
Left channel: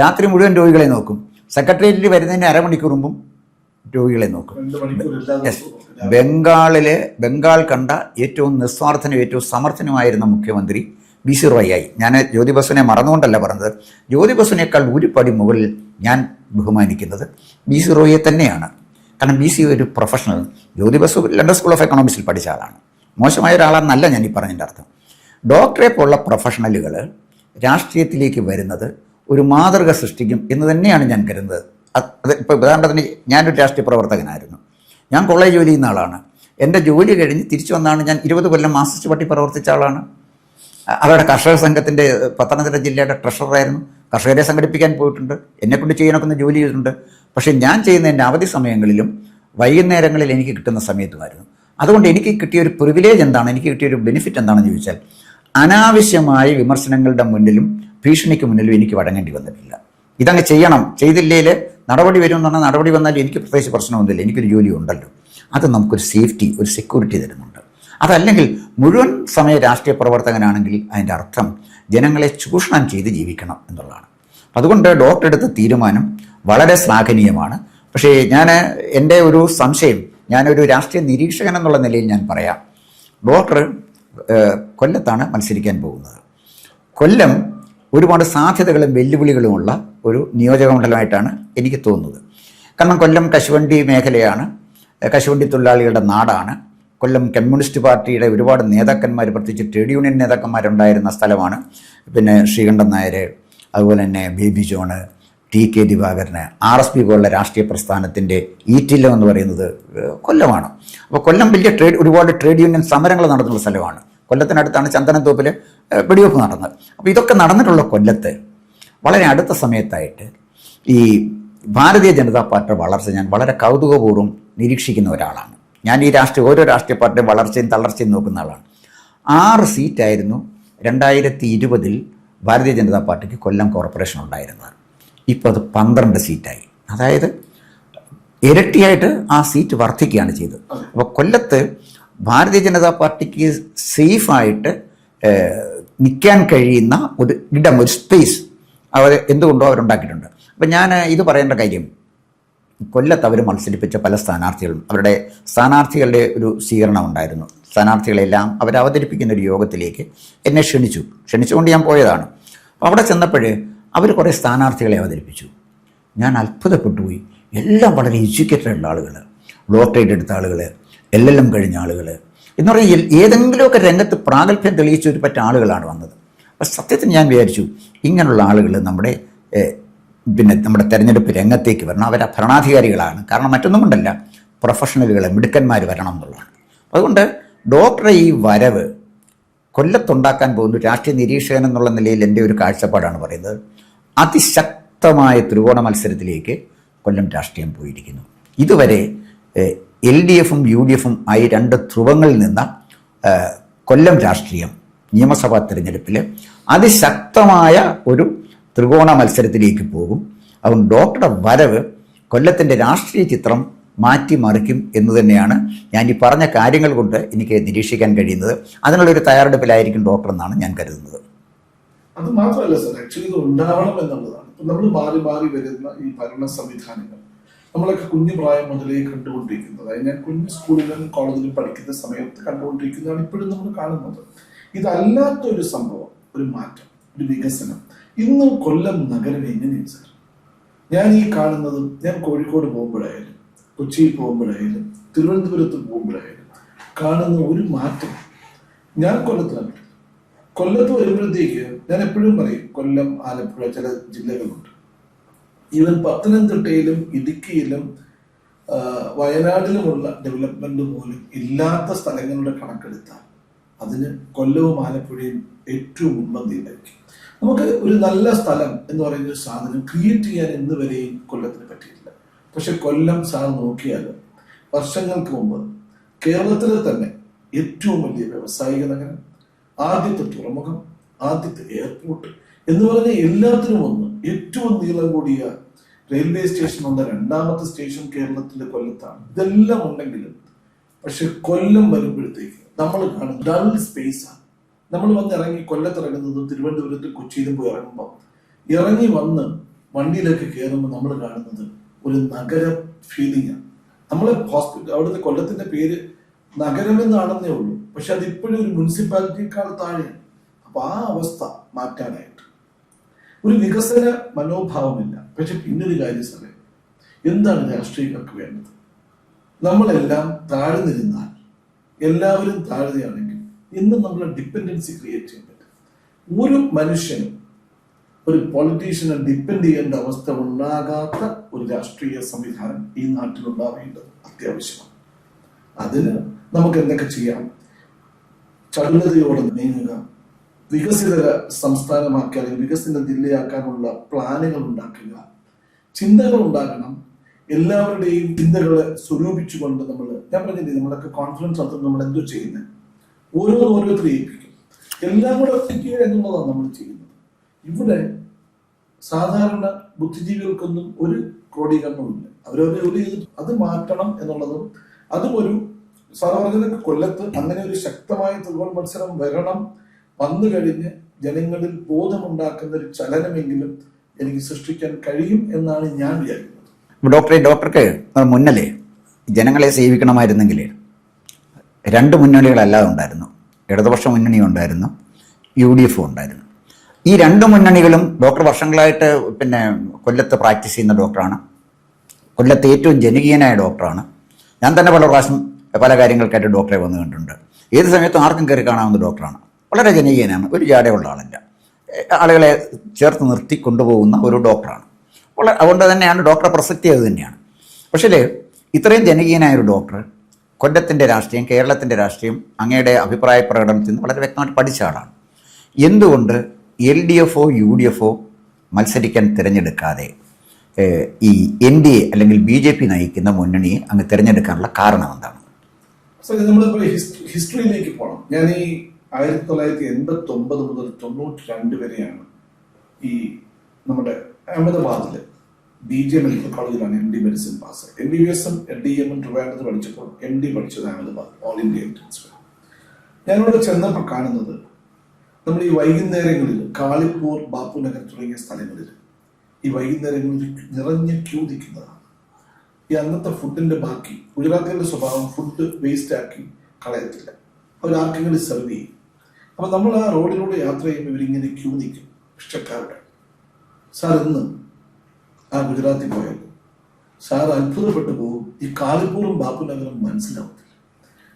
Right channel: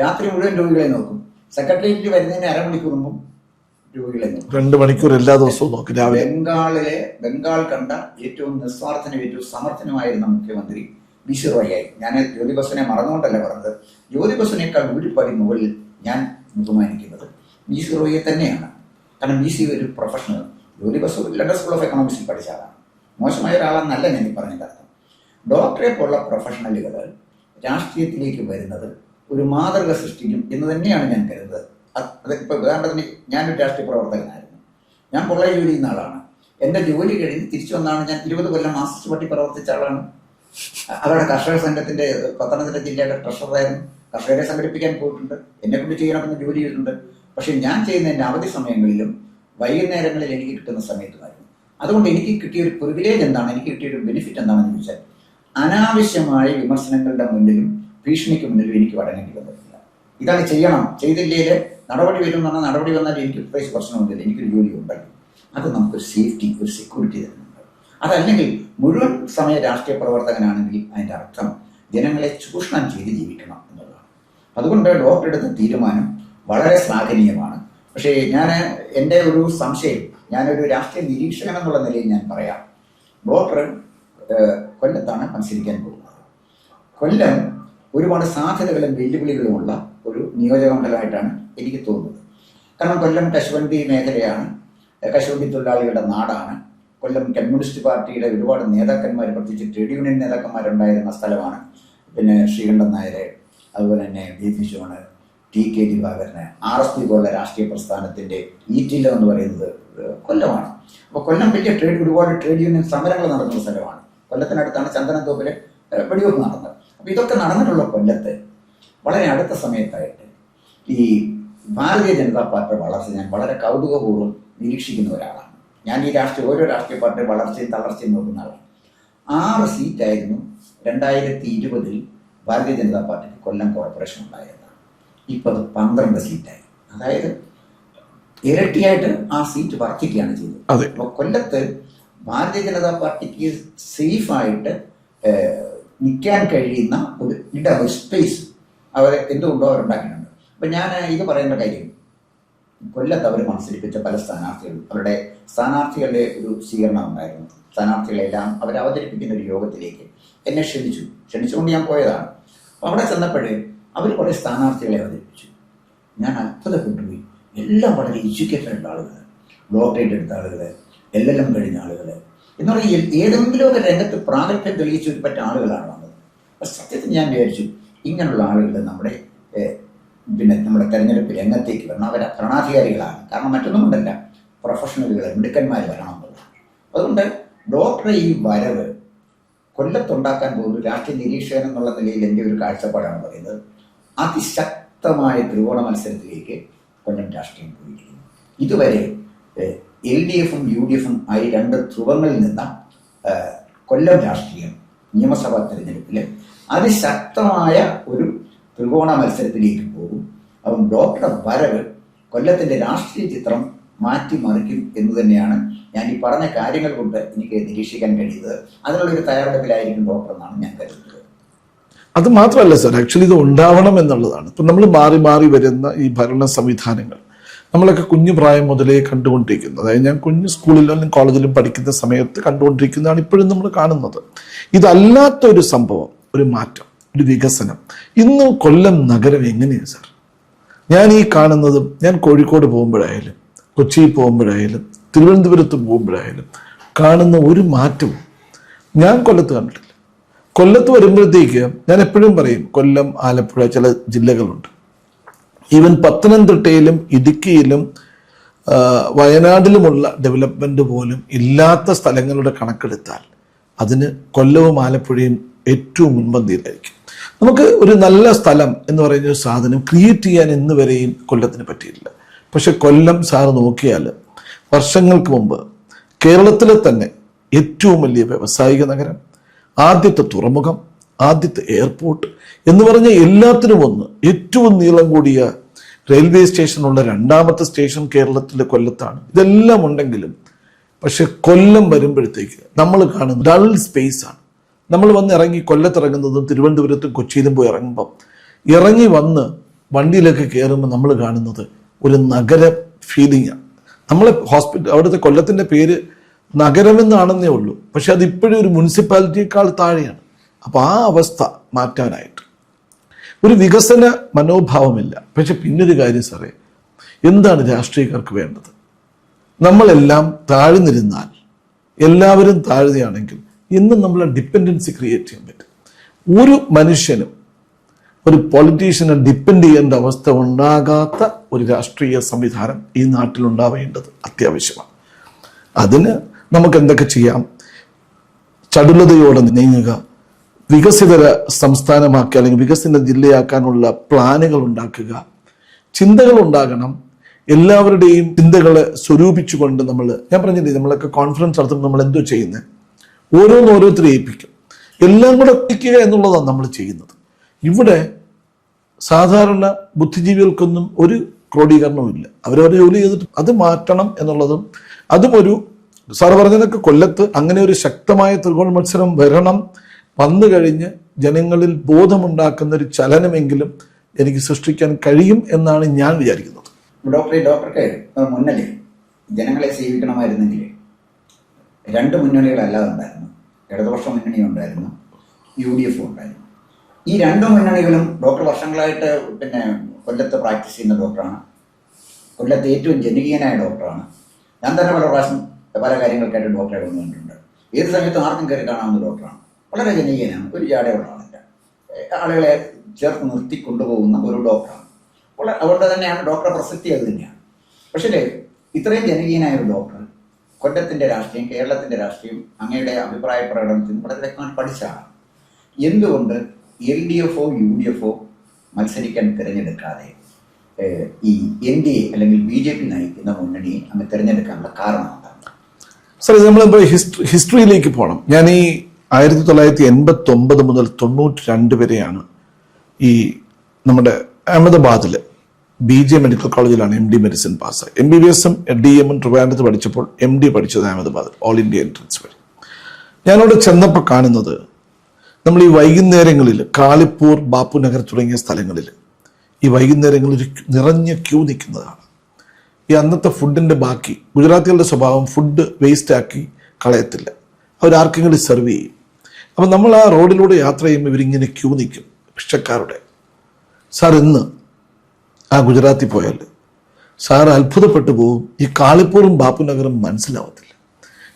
രാത്രി മുഴുവൻ രോഗികളെ നോക്കും. സെക്രട്ടേറിയറ്റിൽ വരുന്നതിന് അരമണിക്കൂർ മുമ്പും രോഗികളെ നോക്കും. 2 മണിക്കൂർ എല്ലാ ദിവസവും നോക്കും. ബംഗാൾ കണ്ട ഏറ്റവും നിസ്വാർത്ഥനും ഏറ്റവും സമർത്ഥനുമായിരുന്ന മുഖ്യമന്ത്രി BC റോയായി. ഞാൻ ജ്യോതി ബസുവിനെ മറന്നുകൊണ്ടല്ല പറഞ്ഞത്. ജ്യോതി ബസുവിനേക്കാൾ ഒരു പടി മുകളിൽ ഞാൻ ബഹുമാനിക്കുന്നത് BC റോയെ തന്നെയാണ്. കാരണം BC ഒരു professional. Jyoti Basu London school of എക്കണോമിക്സിൽ പഠിച്ച ആളാണ്. മോശമായ ഒരാളാണെന്നല്ല ഞാൻ ഈ പറഞ്ഞതിൻ്റെ അർത്ഥം. ഡോക്ടറെ പോലുള്ള പ്രൊഫഷണലുകൾ രാഷ്ട്രീയത്തിലേക്ക് വരുന്നത് ഒരു മാതൃക സൃഷ്ടിക്കും എന്ന് തന്നെയാണ് ഞാൻ കരുതുന്നത്. അത് ഇപ്പോൾ ഉദാഹരണത്തിന് ഞാനൊരു രാഷ്ട്രീയ പ്രവർത്തകനായിരുന്നു. ഞാൻ കോളേജ് ജോലി ചെയ്യുന്ന ആളാണ്. എൻ്റെ ജോലി കഴിഞ്ഞ് തിരിച്ചു വന്നാണ്. ഞാൻ 20 കൊല്ലം മാർക്സിസ്റ്റ് പാർട്ടി പ്രവർത്തിച്ച ആളാണ്. അവരുടെ കർഷക സംഘത്തിൻ്റെ പത്തനംതിട്ട ജില്ലയുടെ ട്രഷററായിരുന്നു. കർഷകരെ സംഘടിപ്പിക്കാൻ പോയിട്ടുണ്ട്. എന്നെക്കൊണ്ട് ചെയ്യാനൊക്കെ ജോലി ചെയ്തിട്ടുണ്ട്. പക്ഷേ ഞാൻ ചെയ്യുന്ന എൻ്റെ അവധി സമയങ്ങളിലും വൈകുന്നേരങ്ങളിൽ എനിക്ക് കിട്ടുന്ന സമയത്തുമായിരുന്നു. അതുകൊണ്ട് എനിക്ക് കിട്ടിയൊരു പ്രിവിലേജ് എന്താണ്, എനിക്ക് കിട്ടിയൊരു ബെനിഫിറ്റ് എന്താണെന്ന് ചോദിച്ചാൽ, അനാവശ്യമായ വിമർശനങ്ങളുടെ മുന്നിലും ഭീഷണിക്ക് മുന്നിലും എനിക്ക് വഴങ്ങേണ്ടി വന്നിട്ടില്ല. ഇതങ്ങ് ചെയ്യണം, ചെയ്തില്ലേൽ നടപടി വരുമെന്ന് പറഞ്ഞാൽ നടപടി വന്നാൽ എനിക്ക് പ്രത്യേകിച്ച് പ്രശ്നമൊന്നുമില്ല, എനിക്കൊരു ജോലി ഉണ്ടല്ലോ. അത് നമുക്കൊരു സേഫ്റ്റി, ഒരു സെക്യൂരിറ്റി തരുന്നുണ്ട്. അതല്ലെങ്കിൽ മുഴുവൻ സമയ രാഷ്ട്രീയ പ്രവർത്തകനാണെങ്കിൽ അതിൻ്റെ അർത്ഥം ജനങ്ങളെ ചൂഷണം ചെയ്ത് ജീവിക്കണം എന്നുള്ളതാണ്. അതുകൊണ്ട് ഡോക്ടർ എടുത്ത തീരുമാനം വളരെ ശ്ലാഘനീയമാണ്. പക്ഷേ എൻ്റെ ഒരു സംശയം, ഞാനൊരു രാഷ്ട്രീയ നിരീക്ഷകൻ എന്നുള്ള നിലയിൽ ഞാൻ പറയാം, ഡോക്ടർ കൊല്ലത്താണ് മത്സരിക്കാൻ പോകുന്നത്. കൊല്ലം ഒരുപാട് സാധ്യതകളും വെല്ലുവിളികളുമുള്ള ഒരു നിയോജകമണ്ഡലമായിട്ടാണ് എനിക്ക് തോന്നുന്നത്. കാരണം കൊല്ലം കശുവണ്ടി മേഖലയാണ്, കശുവണ്ടി തൊഴിലാളികളുടെ നാടാണ്. കൊല്ലം കമ്മ്യൂണിസ്റ്റ് പാർട്ടിയുടെ ഒരുപാട് നേതാക്കന്മാർ, പ്രത്യേകിച്ച് ട്രേഡ് യൂണിയൻ നേതാക്കന്മാരുണ്ടായിരുന്ന സ്ഥലമാണ്. പിന്നെ ശ്രീകണ്ഠൻ നായർ, അതുപോലെ തന്നെ baby John, TK Divakaran, RSP പോലുള്ള രാഷ്ട്രീയ പ്രസ്ഥാനത്തിൻ്റെ ഈറ്റില്ലം എന്ന് പറയുന്നത് കൊല്ലമാണ്. അപ്പോൾ കൊല്ലം വലിയ ഒരുപാട് ട്രേഡ് യൂണിയൻ സമരങ്ങൾ നടത്തുന്ന സ്ഥലമാണ്. കൊല്ലത്തിനടുത്താണ് ചന്ദനത്തോപ്പിൽ വെടിവെപ്പ് നടന്നത്. അപ്പോൾ ഇതൊക്കെ നടന്നിട്ടുള്ള കൊല്ലത്ത് വളരെ അടുത്ത സമയത്തായിട്ട് ഈ ഭാരതീയ ജനതാ പാർട്ടിയുടെ വളർച്ച ഞാൻ വളരെ കൗതുകപൂർവ്വം നിരീക്ഷിക്കുന്ന ഒരാളാണ്. ഞാൻ ഈ ഓരോ രാഷ്ട്രീയ പാർട്ടിയുടെ വളർച്ചയും തളർച്ചയും നോക്കുന്ന ആളാണ്. 6 സീറ്റായിരുന്നു 2020 ഭാരതീയ ജനതാ പാർട്ടിക്ക് കൊല്ലം കോർപ്പറേഷൻ ഉണ്ടായിരുന്നത്. ഇപ്പോൾ അത് 12 സീറ്റായി. അതായത് ഇരട്ടിയായിട്ട് ആ സീറ്റ് വർദ്ധിക്കുകയാണ് ചെയ്തത്. അപ്പോൾ കൊല്ലത്ത് ഭാരതീയ ജനതാ പാർട്ടിക്ക് സേഫായിട്ട് നിൽക്കാൻ കഴിയുന്ന ഒരു ഇടം, ഒരു സ്പേസ് അവർ എന്തുകൊണ്ടോ അവരുണ്ടാക്കിയിട്ടുണ്ട്. അപ്പം ഞാൻ ഇത് പറയേണ്ട കാര്യം, കൊല്ലത്ത് അവർ മത്സരിപ്പിച്ച പല സ്ഥാനാർത്ഥികളും അവരുടെ സ്ഥാനാർത്ഥികളുടെ ഒരു സ്വീകരണം ഉണ്ടായിരുന്നു. സ്ഥാനാർത്ഥികളെല്ലാം അവർ അവതരിപ്പിക്കുന്ന ഒരു യോഗത്തിലേക്ക് എന്നെ ക്ഷണിച്ചുകൊണ്ട് ഞാൻ പോയതാണ്. അപ്പോൾ അവിടെ ചെന്നപ്പോൾ അവർ കുറേ സ്ഥാനാർത്ഥികളെ അവതരിപ്പിച്ചു. ഞാൻ അത്ഭുതപ്പെട്ടുപോയി. എല്ലാം വളരെ എഡ്യൂക്കേറ്റഡ് ഉള്ള ആളുകൾ, ഡോക്ടറേറ്റ് എടുത്ത ആളുകൾ, LLM കഴിഞ്ഞ ആളുകൾ എന്ന് പറഞ്ഞാൽ ഏതെങ്കിലുമൊക്കെ രംഗത്ത് പ്രാഗൽഭ്യം തെളിയിച്ച ഒരു പറ്റ ആളുകളാണ് വന്നത്. അപ്പോൾ സത്യത്തിൽ ഞാൻ വിചാരിച്ചു ഇങ്ങനെയുള്ള ആളുകൾ നമ്മുടെ തെരഞ്ഞെടുപ്പ് രംഗത്തേക്ക് വരണം. അവർ ഭരണാധികാരികളാണ്. കാരണം മറ്റൊന്നും കൊണ്ടല്ല, പ്രൊഫഷണലുകൾ, മിടുക്കന്മാർ വരണം എന്നുള്ളതാണ്. അതുകൊണ്ട് ഡോക്ടറെ ഈ വരവ് കൊല്ലത്തുണ്ടാക്കാൻ പോകുന്ന രാഷ്ട്രീയ നിരീക്ഷകൻ എന്നുള്ള നിലയിൽ എൻ്റെ ഒരു കാഴ്ചപ്പാടാണ് പറയുന്നത്. അതിശക്തമായ ത്രികോണ മത്സരത്തിലേക്ക് കൊല്ലം രാഷ്ട്രീയം പോയിരിക്കുന്നു. ഇതുവരെ LDFും UDFും ആയി 2 ധ്രുവങ്ങളിൽ നിന്ന കൊല്ലം രാഷ്ട്രീയം നിയമസഭാ തെരഞ്ഞെടുപ്പിൽ അതിശക്തമായ ഒരു ത്രികോണ മത്സരത്തിലേക്ക് പോകും. അതുകൊണ്ട് ഡോക്ടറുടെ വരവ് കൊല്ലത്തിൻ്റെ രാഷ്ട്രീയ ചിത്രം മാറ്റിമറിക്കും എന്ന് തന്നെയാണ് ഞാൻ ഈ പറഞ്ഞ കാര്യങ്ങൾ കൊണ്ട് എനിക്ക് നിരീക്ഷിക്കാൻ കഴിയുന്നത്. അതിനുള്ളൊരു തയ്യാറെടുപ്പിലായിരിക്കും ഡോക്ടർ എന്നാണ് ഞാൻ കരുതുന്നത്. അത് മാത്രമല്ല സർ, ആക്ച്വലി ഇത് ഉണ്ടാവണം എന്നുള്ളതാണ്. ഇപ്പം നമ്മൾ മാറി മാറി വരുന്ന ഈ ഭരണ സംവിധാനങ്ങൾ നമ്മളൊക്കെ കുഞ്ഞു പ്രായം മുതലേ കണ്ടുകൊണ്ടിരിക്കുന്നത്. അതായത് ഞാൻ കുഞ്ഞു സ്കൂളിലും കോളേജിലും പഠിക്കുന്ന സമയത്ത് കണ്ടുകൊണ്ടിരിക്കുന്നതാണ് ഇപ്പോഴും നമ്മൾ കാണുന്നത്. ഇതല്ലാത്തൊരു സംഭവം, ഒരു മാറ്റം, ഒരു വികസനം ഇന്ന് കൊല്ലം നഗരം എങ്ങനെയാണ് സാർ? ഞാൻ ഈ കാണുന്നതും, ഞാൻ കോഴിക്കോട് പോകുമ്പോഴായാലും കൊച്ചിയിൽ പോകുമ്പോഴായാലും തിരുവനന്തപുരത്ത് പോകുമ്പോഴായാലും കാണുന്ന ഒരു മാറ്റം ഞാൻ കൊല്ലത്ത് കണ്ടിട്ടില്ല. കൊല്ലത്ത് വരുമ്പോഴത്തേക്ക് ഞാൻ എപ്പോഴും പറയും, കൊല്ലം, ആലപ്പുഴ, ചില ജില്ലകളുണ്ട്, ഈവൻ പത്തനംതിട്ടയിലും ഇടുക്കിയിലും വയനാട്ടിലുമുള്ള ഡെവലപ്മെന്റ് പോലും ഇല്ലാത്ത സ്ഥലങ്ങളുടെ കണക്കെടുത്താൽ അതിന് കൊല്ലവും ആലപ്പുഴയും ഏറ്റവും മുൻപന്തിയിലായിരിക്കും. നമുക്ക് ഒരു നല്ല സ്ഥലം എന്ന് പറയുന്ന ഒരു സാധനം ക്രിയേറ്റ് ചെയ്യാൻ ഇന്ന് വരെയും കൊല്ലത്തിന് പറ്റിയില്ല. പക്ഷെ കൊല്ലം സാർ നോക്കിയാൽ വർഷങ്ങൾക്ക് മുമ്പ് കേരളത്തിലെ തന്നെ ഏറ്റവും വലിയ വ്യാവസായിക നഗരം, ആദ്യത്തെ തുറമുഖം, ആദ്യത്തെ എയർപോർട്ട് എന്ന് പറഞ്ഞ എല്ലാത്തിനും ഒന്ന്, ഏറ്റവും നീളം കൂടിയ റെയിൽവേ സ്റ്റേഷനുള്ള 2ാമത്തെ സ്റ്റേഷൻ കേരളത്തിലെ കൊല്ലത്താണ്. ഇതെല്ലാം ഉണ്ടെങ്കിലും പക്ഷെ കൊല്ലം വരുമ്പോഴത്തേക്ക് നമ്മൾ കാണുന്ന ഡൾ സ്പേസ് ആണ്. നമ്മൾ വന്ന് ഇറങ്ങി കൊല്ലത്തിറങ്ങുന്നതും തിരുവനന്തപുരത്തും കൊച്ചിയിലും പോയി ഇറങ്ങുമ്പം ഇറങ്ങി വന്ന് വണ്ടിയിലേക്ക് കയറുമ്പോൾ നമ്മൾ കാണുന്നത് ഒരു നഗര ഫീലിംഗ് ആണ്. നമ്മളെ അവിടുത്തെ കൊല്ലത്തിൻ്റെ പേര് നഗരമെന്നാണെന്നേ ഉള്ളൂ, പക്ഷെ അതിപ്പോഴും ഒരു മുനിസിപ്പാലിറ്റിയേക്കാൾ താഴെയാണ്. അപ്പോൾ ആ അവസ്ഥ മാറ്റാനായിട്ട് ഒരു വികസന മനോഭാവമില്ല. പക്ഷെ പിന്നൊരു കാര്യം സാറേ, എന്താണ് രാഷ്ട്രീയക്കാർക്ക് വേണ്ടത്? നമ്മളെല്ലാം താഴ്ന്നിരുന്നാൽ, എല്ലാവരും താഴ്ന്നയാണെങ്കിൽ ഇന്നും നമ്മളെ ഡിപ്പെൻഡൻസി ക്രിയേറ്റ് ചെയ്യാൻ പറ്റും. ഒരു മനുഷ്യനും ഒരു പൊളിറ്റീഷ്യനെ ഡിപ്പെൻഡ് ചെയ്യേണ്ട അവസ്ഥ ഉണ്ടാകാത്ത ഒരു രാഷ്ട്രീയ സംവിധാനം ഈ നാട്ടിലുണ്ടാവേണ്ടത് അത്യാവശ്യമാണ്. അതിന് നമുക്ക് എന്തൊക്കെ ചെയ്യാം? ചടുലതയോടെ നീങ്ങുക, വികസിത സംസ്ഥാനമാക്കി അല്ലെങ്കിൽ വികസിത ജില്ലയാക്കാനുള്ള പ്ലാനുകൾ ഉണ്ടാക്കുക, ചിന്തകൾ ഉണ്ടാകണം. എല്ലാവരുടെയും ചിന്തകളെ സ്വരൂപിച്ചുകൊണ്ട് ഞാൻ പറഞ്ഞില്ലേ, നമ്മളൊക്കെ കോൺഫറൻസ് നടത്തുമ്പോൾ നമ്മൾ എന്തോ ചെയ്യുന്നത്, ഓരോരുത്തരെ ഏൽപ്പിക്കും, എല്ലാം കൂടെ എത്തിക്കുക എന്നുള്ളതാണ് നമ്മൾ ചെയ്യുന്നത്. ഇവിടെ സാധാരണ ബുദ്ധിജീവികൾക്കൊന്നും ഒരു ക്രോഡീകരണവും ഇല്ല. അവരവരെ ജോലി ചെയ്തിട്ട് അത് മാറ്റണം എന്നുള്ളതും അതും ഒരു സാർ പറഞ്ഞതൊക്കെ കൊല്ലത്ത് അങ്ങനെ ഒരു ശക്തമായ ത്രികോണ മത്സരം വന്നു കഴിഞ്ഞ് ജനങ്ങളിൽ ബോധമുണ്ടാക്കുന്ന ഒരു ചലനമെങ്കിലും എനിക്ക് സൃഷ്ടിക്കാൻ കഴിയും എന്നാണ് ഞാൻ വിചാരിക്കുന്നത്. ഡോക്ടർക്ക് മുന്നലേ ജനങ്ങളെ സേവിക്കണമായിരുന്നെങ്കിൽ 2 മുന്നണികളല്ലാതെ ഉണ്ടായിരുന്നു. ഇടതുപക്ഷ മുന്നണി ഉണ്ടായിരുന്നു, UDF ഉണ്ടായിരുന്നു. ഈ 2 മുന്നണികളും ഡോക്ടർ വർഷങ്ങളായിട്ട് കൊല്ലത്ത് പ്രാക്ടീസ് ചെയ്യുന്ന ഡോക്ടറാണ്. കൊല്ലത്ത് ഏറ്റവും ജനകീയനായ ഡോക്ടറാണ്. ഞാൻ തന്നെ പല പ്രാവശ്യം പല കാര്യങ്ങൾക്കായിട്ട് ഡോക്ടറെ വന്നു കണ്ടിട്ടുണ്ട്. ഏത് സമയത്തും ആർക്കും കയറി കാണാവുന്ന ഡോക്ടറാണ്. വളരെ ജനകീയനാണ്, ഒരു ജാടയുള്ള ആളല്ല, ആളുകളെ ചേർത്ത് നിർത്തി കൊണ്ടുപോകുന്ന ഒരു ഡോക്ടറാണ്. അതുകൊണ്ട് തന്നെയാണ് ഡോക്ടറെ പ്രസക്തി അത് തന്നെയാണ്. പക്ഷേ ഇത്രയും ജനകീയനായ ഒരു ഡോക്ടർ കൊല്ലത്തിൻ്റെ രാഷ്ട്രീയം, കേരളത്തിൻ്റെ രാഷ്ട്രീയം അങ്ങയുടെ അഭിപ്രായ പ്രകടനത്തിൽ നിന്ന് വളരെ വ്യക്തമായിട്ട് പഠിച്ച ആളാണ്. എന്തുകൊണ്ട് LDF UDF മത്സരിക്കാൻ തിരഞ്ഞെടുക്കാതെ ഈ NDA അല്ലെങ്കിൽ BJP നയിക്കുന്ന മുന്നണിയെ അങ്ങ് തിരഞ്ഞെടുക്കാനുള്ള കാരണം എന്താണ്? സാർ, ഇത് നമ്മളിപ്പോൾ ഹിസ്റ്ററിയിലേക്ക് പോകണം. ഞാൻ ഈ 1989 മുതൽ 92 വരെയാണ് ഈ നമ്മുടെ അഹമ്മദാബാദിൽ BJ മെഡിക്കൽ കോളേജിലാണ് MD മെഡിസിൻ പാസ്സായി. MBBS-ഉം DM-ഉം ട്രിവാൻഡ്രത്ത് പഠിച്ചപ്പോൾ MD പഠിച്ചത് അഹമ്മദാബാദ്, ഓൾ ഇന്ത്യ എൻട്രൻസ് വഴി. ഞാനവിടെ ചെന്നപ്പോൾ കാണുന്നത്, നമ്മൾ ഈ വൈകുന്നേരങ്ങളിൽ കാളിപ്പൂർ, ബാപ്പുനഗർ തുടങ്ങിയ സ്ഥലങ്ങളിൽ ഈ വൈകുന്നേരങ്ങളിൽ നിറഞ്ഞ ക്യൂ നിൽക്കുന്നതാണ്. ഈ അന്നത്തെ ഫുഡിൻ്റെ ബാക്കി, ഗുജറാത്തികളുടെ സ്വഭാവം ഫുഡ് വേസ്റ്റ് ആക്കി കളയത്തില്ല, അവരാർക്കെങ്കിലും സെർവ് ചെയ്യും. അപ്പം നമ്മൾ ആ റോഡിലൂടെ യാത്ര ചെയ്യുമ്പോൾ ഇവരിങ്ങനെ ക്യൂ നിൽക്കും ഭിക്ഷക്കാരുടെ. സാർ, ഇന്ന് ആ ഗുജറാത്തിൽ പോയാൽ സാർ അത്ഭുതപ്പെട്ടു പോകും, ഈ കാളിപ്പൂറും ബാപ്പുനഗറും മനസ്സിലാവത്തില്ല.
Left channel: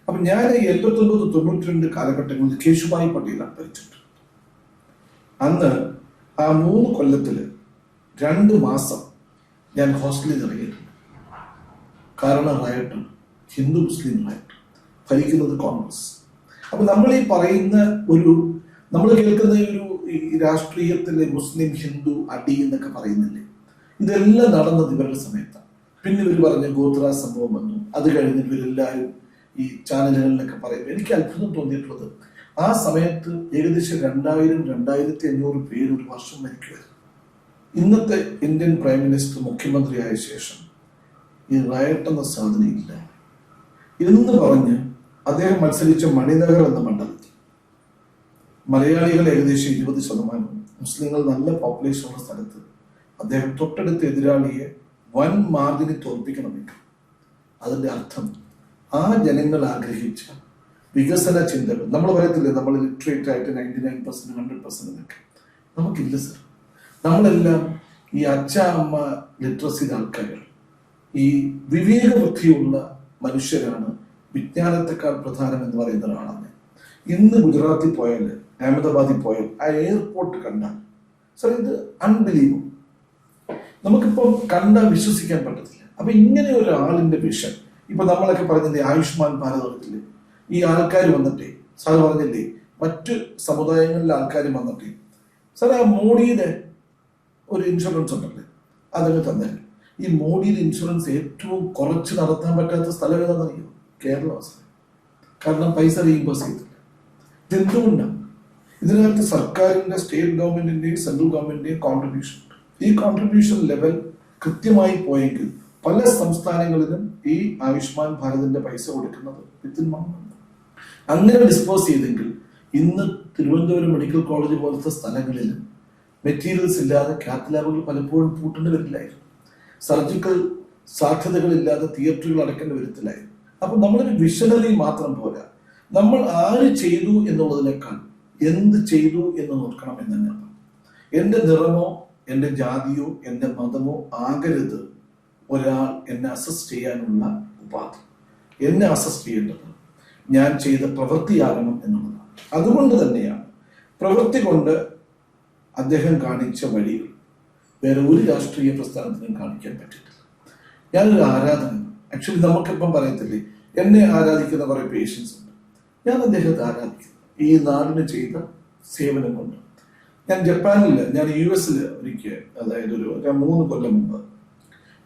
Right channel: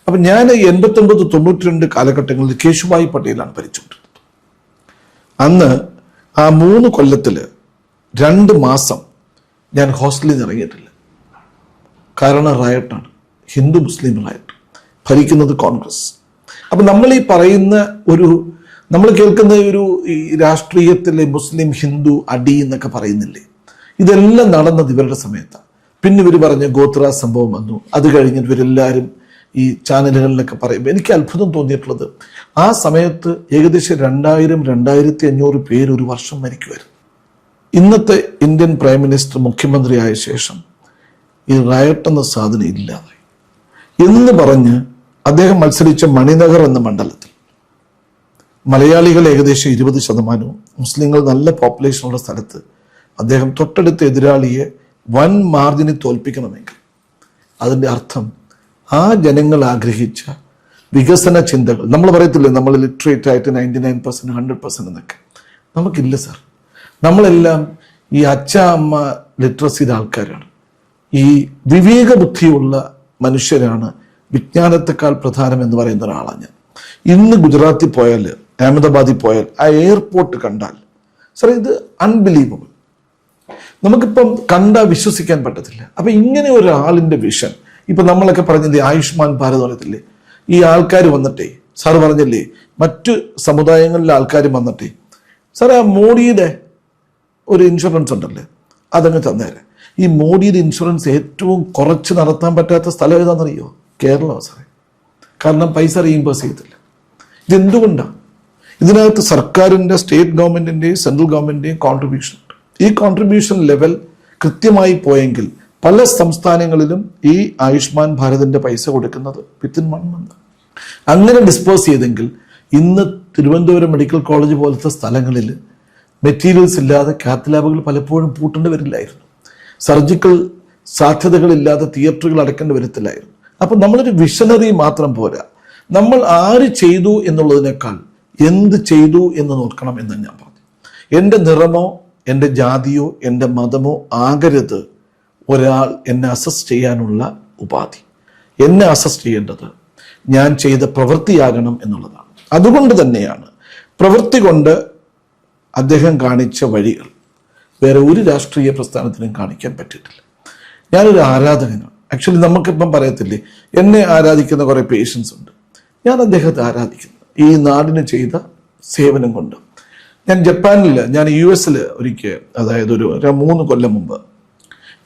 അപ്പം ഞാൻ 89-92 കാലഘട്ടങ്ങളിൽ കേശുഭായ് പട്ടേലാണ് ഭരിച്ചുകൊണ്ടിരുന്നത്. അന്ന് ആ 3 കൊല്ലത്തിൽ 2 മാസം ഞാൻ ഹോസ്റ്റലിൽ നിന്ന് ഇറങ്ങിയിട്ടില്ല. കാരണം റയട്ടാണ്, ഹിന്ദു മുസ്ലിം റയട്ട്, ഭരിക്കുന്നത് കോൺഗ്രസ്. അപ്പം നമ്മൾ ഈ പറയുന്ന നമ്മൾ കേൾക്കുന്ന ഈ രാഷ്ട്രീയത്തിലെ മുസ്ലിം ഹിന്ദു അടി എന്നൊക്കെ പറയുന്നില്ലേ, ഇതെല്ലാം നടന്നത് ഇവരുടെ സമയത്താണ്. പിന്നെ ഇവർ പറഞ്ഞ ഗോത്ര സംഭവം വന്നു, അത് കഴിഞ്ഞിട്ട് ഇവരെല്ലാവരും ഈ ചാനലുകളിലൊക്കെ പറയുമ്പോൾ എനിക്ക് അത്ഭുതം തോന്നിയിട്ടുള്ളത്, ആ സമയത്ത് ഏകദേശം 2000-2500 പേര് ഒരു വർഷം മരിക്കുമായിരുന്നു. ഇന്നത്തെ ഇന്ത്യൻ പ്രൈം മിനിസ്റ്റർ മുഖ്യമന്ത്രിയായ ശേഷം ഈ റയട്ട് എന്ന സാധനം ഇല്ലാതായി എന്ന് പറഞ്ഞ് അദ്ദേഹം മത്സരിച്ച മണിനഗർ എന്ന മണ്ഡലത്തിൽ മലയാളികൾ ഏകദേശം 20%, മുസ്ലിങ്ങൾ നല്ല പോപ്പുലേഷനുള്ള സ്ഥലത്ത് അദ്ദേഹം തൊട്ടടുത്ത എതിരാളിയെ വൻ മാർജിന് തോൽപ്പിക്കണമെങ്കിൽ അതിൻ്റെ അർത്ഥം ആ ജനങ്ങൾ ആഗ്രഹിച്ച വികസന ചിന്തകൾ, നമ്മൾ പറയത്തില്ലേ നമ്മൾ ലിറ്ററേറ്റ് ആയിട്ട് 99%, 100% എന്നൊക്കെ, നമുക്കില്ല സാർ. നമ്മളെല്ലാം ഈ അച്ഛ അമ്മ ലിറ്ററസിയുടെ ആൾക്കാരാണ്, ഈ വിവേക ബുദ്ധിയുള്ള മനുഷ്യരാണ്. വിജ്ഞാനത്തെക്കാൾ പ്രധാനം എന്ന് പറയുന്ന ഒരാളാണ് ഞാൻ. ഇന്ന് ഗുജറാത്തിൽ പോയാൽ, അഹമ്മദാബാദിൽ പോയാൽ ആ എയർപോർട്ട് കണ്ടാൽ സാർ, ഇത് അൺബിലീവബിൾ. നമുക്കിപ്പം കണ്ടാൽ വിശ്വസിക്കാൻ പറ്റത്തില്ല. അപ്പം ഇങ്ങനെ ഒരാളിൻ്റെ വിഷൻ, ഇപ്പം നമ്മളൊക്കെ പറഞ്ഞില്ലേ ആയുഷ്മാൻ ഭാരത് പറയത്തില്ലേ, ഈ ആൾക്കാർ വന്നിട്ടേ, സാർ പറഞ്ഞില്ലേ മറ്റു സമുദായങ്ങളിലെ ആൾക്കാർ വന്നിട്ടേ, സാർ ആ മോഡിയുടെ ഒരു ഇൻഷുറൻസ് ഉണ്ടല്ലേ, അതങ്ങ് തന്നേരെ. ഈ മോഡിയുടെ ഇൻഷുറൻസ് ഏറ്റവും കുറച്ച് നടത്താൻ പറ്റാത്ത സ്ഥലം ഏതാണെന്നറിയോ? കേരളമാണ് സാറേ. കാരണം പൈസ റീഇംബേഴ്സ് ചെയ്തില്ല. ഇതെന്തുകൊണ്ടാണ്? ഇതിനകത്ത് സർക്കാരിൻ്റെ, സ്റ്റേറ്റ് ഗവൺമെൻറ്റിൻ്റെയും സെൻട്രൽ ഗവൺമെൻറ്റിൻ്റെയും കോൺട്രിബ്യൂഷൻ ഉണ്ട്. ഈ കോൺട്രിബ്യൂഷൻ ലെവൽ കൃത്യമായി പോയെങ്കിൽ പല സംസ്ഥാനങ്ങളിലും ഈ ആയുഷ്മാൻ ഭാരതിൻ്റെ പൈസ കൊടുക്കുന്നത് വിത്തിൻ 1 month. അങ്ങനെ ഡിസ്പോസ് ചെയ്തെങ്കിൽ ഇന്ന് തിരുവനന്തപുരം മെഡിക്കൽ കോളേജ് പോലത്തെ സ്ഥലങ്ങളിൽ മെറ്റീരിയൽസ് ഇല്ലാതെ കാത്ത് ലാബുകൾ പലപ്പോഴും പൂട്ടേണ്ടി വരില്ലായിരുന്നു. സർജിക്കൽ സാധ്യതകളില്ലാതെ തിയേറ്ററുകൾ അടയ്ക്കേണ്ടി വരത്തില്ലായിരുന്നു. അപ്പം നമ്മളൊരു വിഷനറി മാത്രം പോരാ, നമ്മൾ ആര് ചെയ്തു എന്നുള്ളതിനേക്കാൾ എന്ത് ചെയ്തു എന്ന് നോക്കണം എന്ന് ഞാൻ പറഞ്ഞു. എൻ്റെ നിറമോ എൻ്റെ ജാതിയോ എൻ്റെ മതമോ ആകരുത് ഒരാൾ എന്നെ അസസ് ചെയ്യാനുള്ള ഉപാധി. എന്നെ അസസ് ചെയ്യേണ്ടത് ഞാൻ ചെയ്ത പ്രവൃത്തിയാകണം എന്നുള്ളതാണ്. അതുകൊണ്ട് തന്നെയാണ് പ്രവൃത്തി കൊണ്ട് അദ്ദേഹം കാണിച്ച വഴികൾ വേറെ ഒരു രാഷ്ട്രീയ പ്രസ്ഥാനത്തിനും കാണിക്കാൻ പറ്റിയിട്ടില്ല. ഞാനൊരു ആരാധകനാണ്. ആക്ച്വലി നമുക്കിപ്പം പറയത്തില്ലേ, എന്നെ ആരാധിക്കുന്ന കുറേ പേഷ്യൻസ് ഉണ്ട്. ഞാൻ അദ്ദേഹത്തെ ആരാധിക്കുന്നു ഈ നാടിന് ചെയ്ത സേവനം കൊണ്ട്. ഞാൻ ജപ്പാനിൽ, ഞാൻ US ഒരിക്കൽ, അതായത് ഒരു 3 കൊല്ലം മുമ്പ്,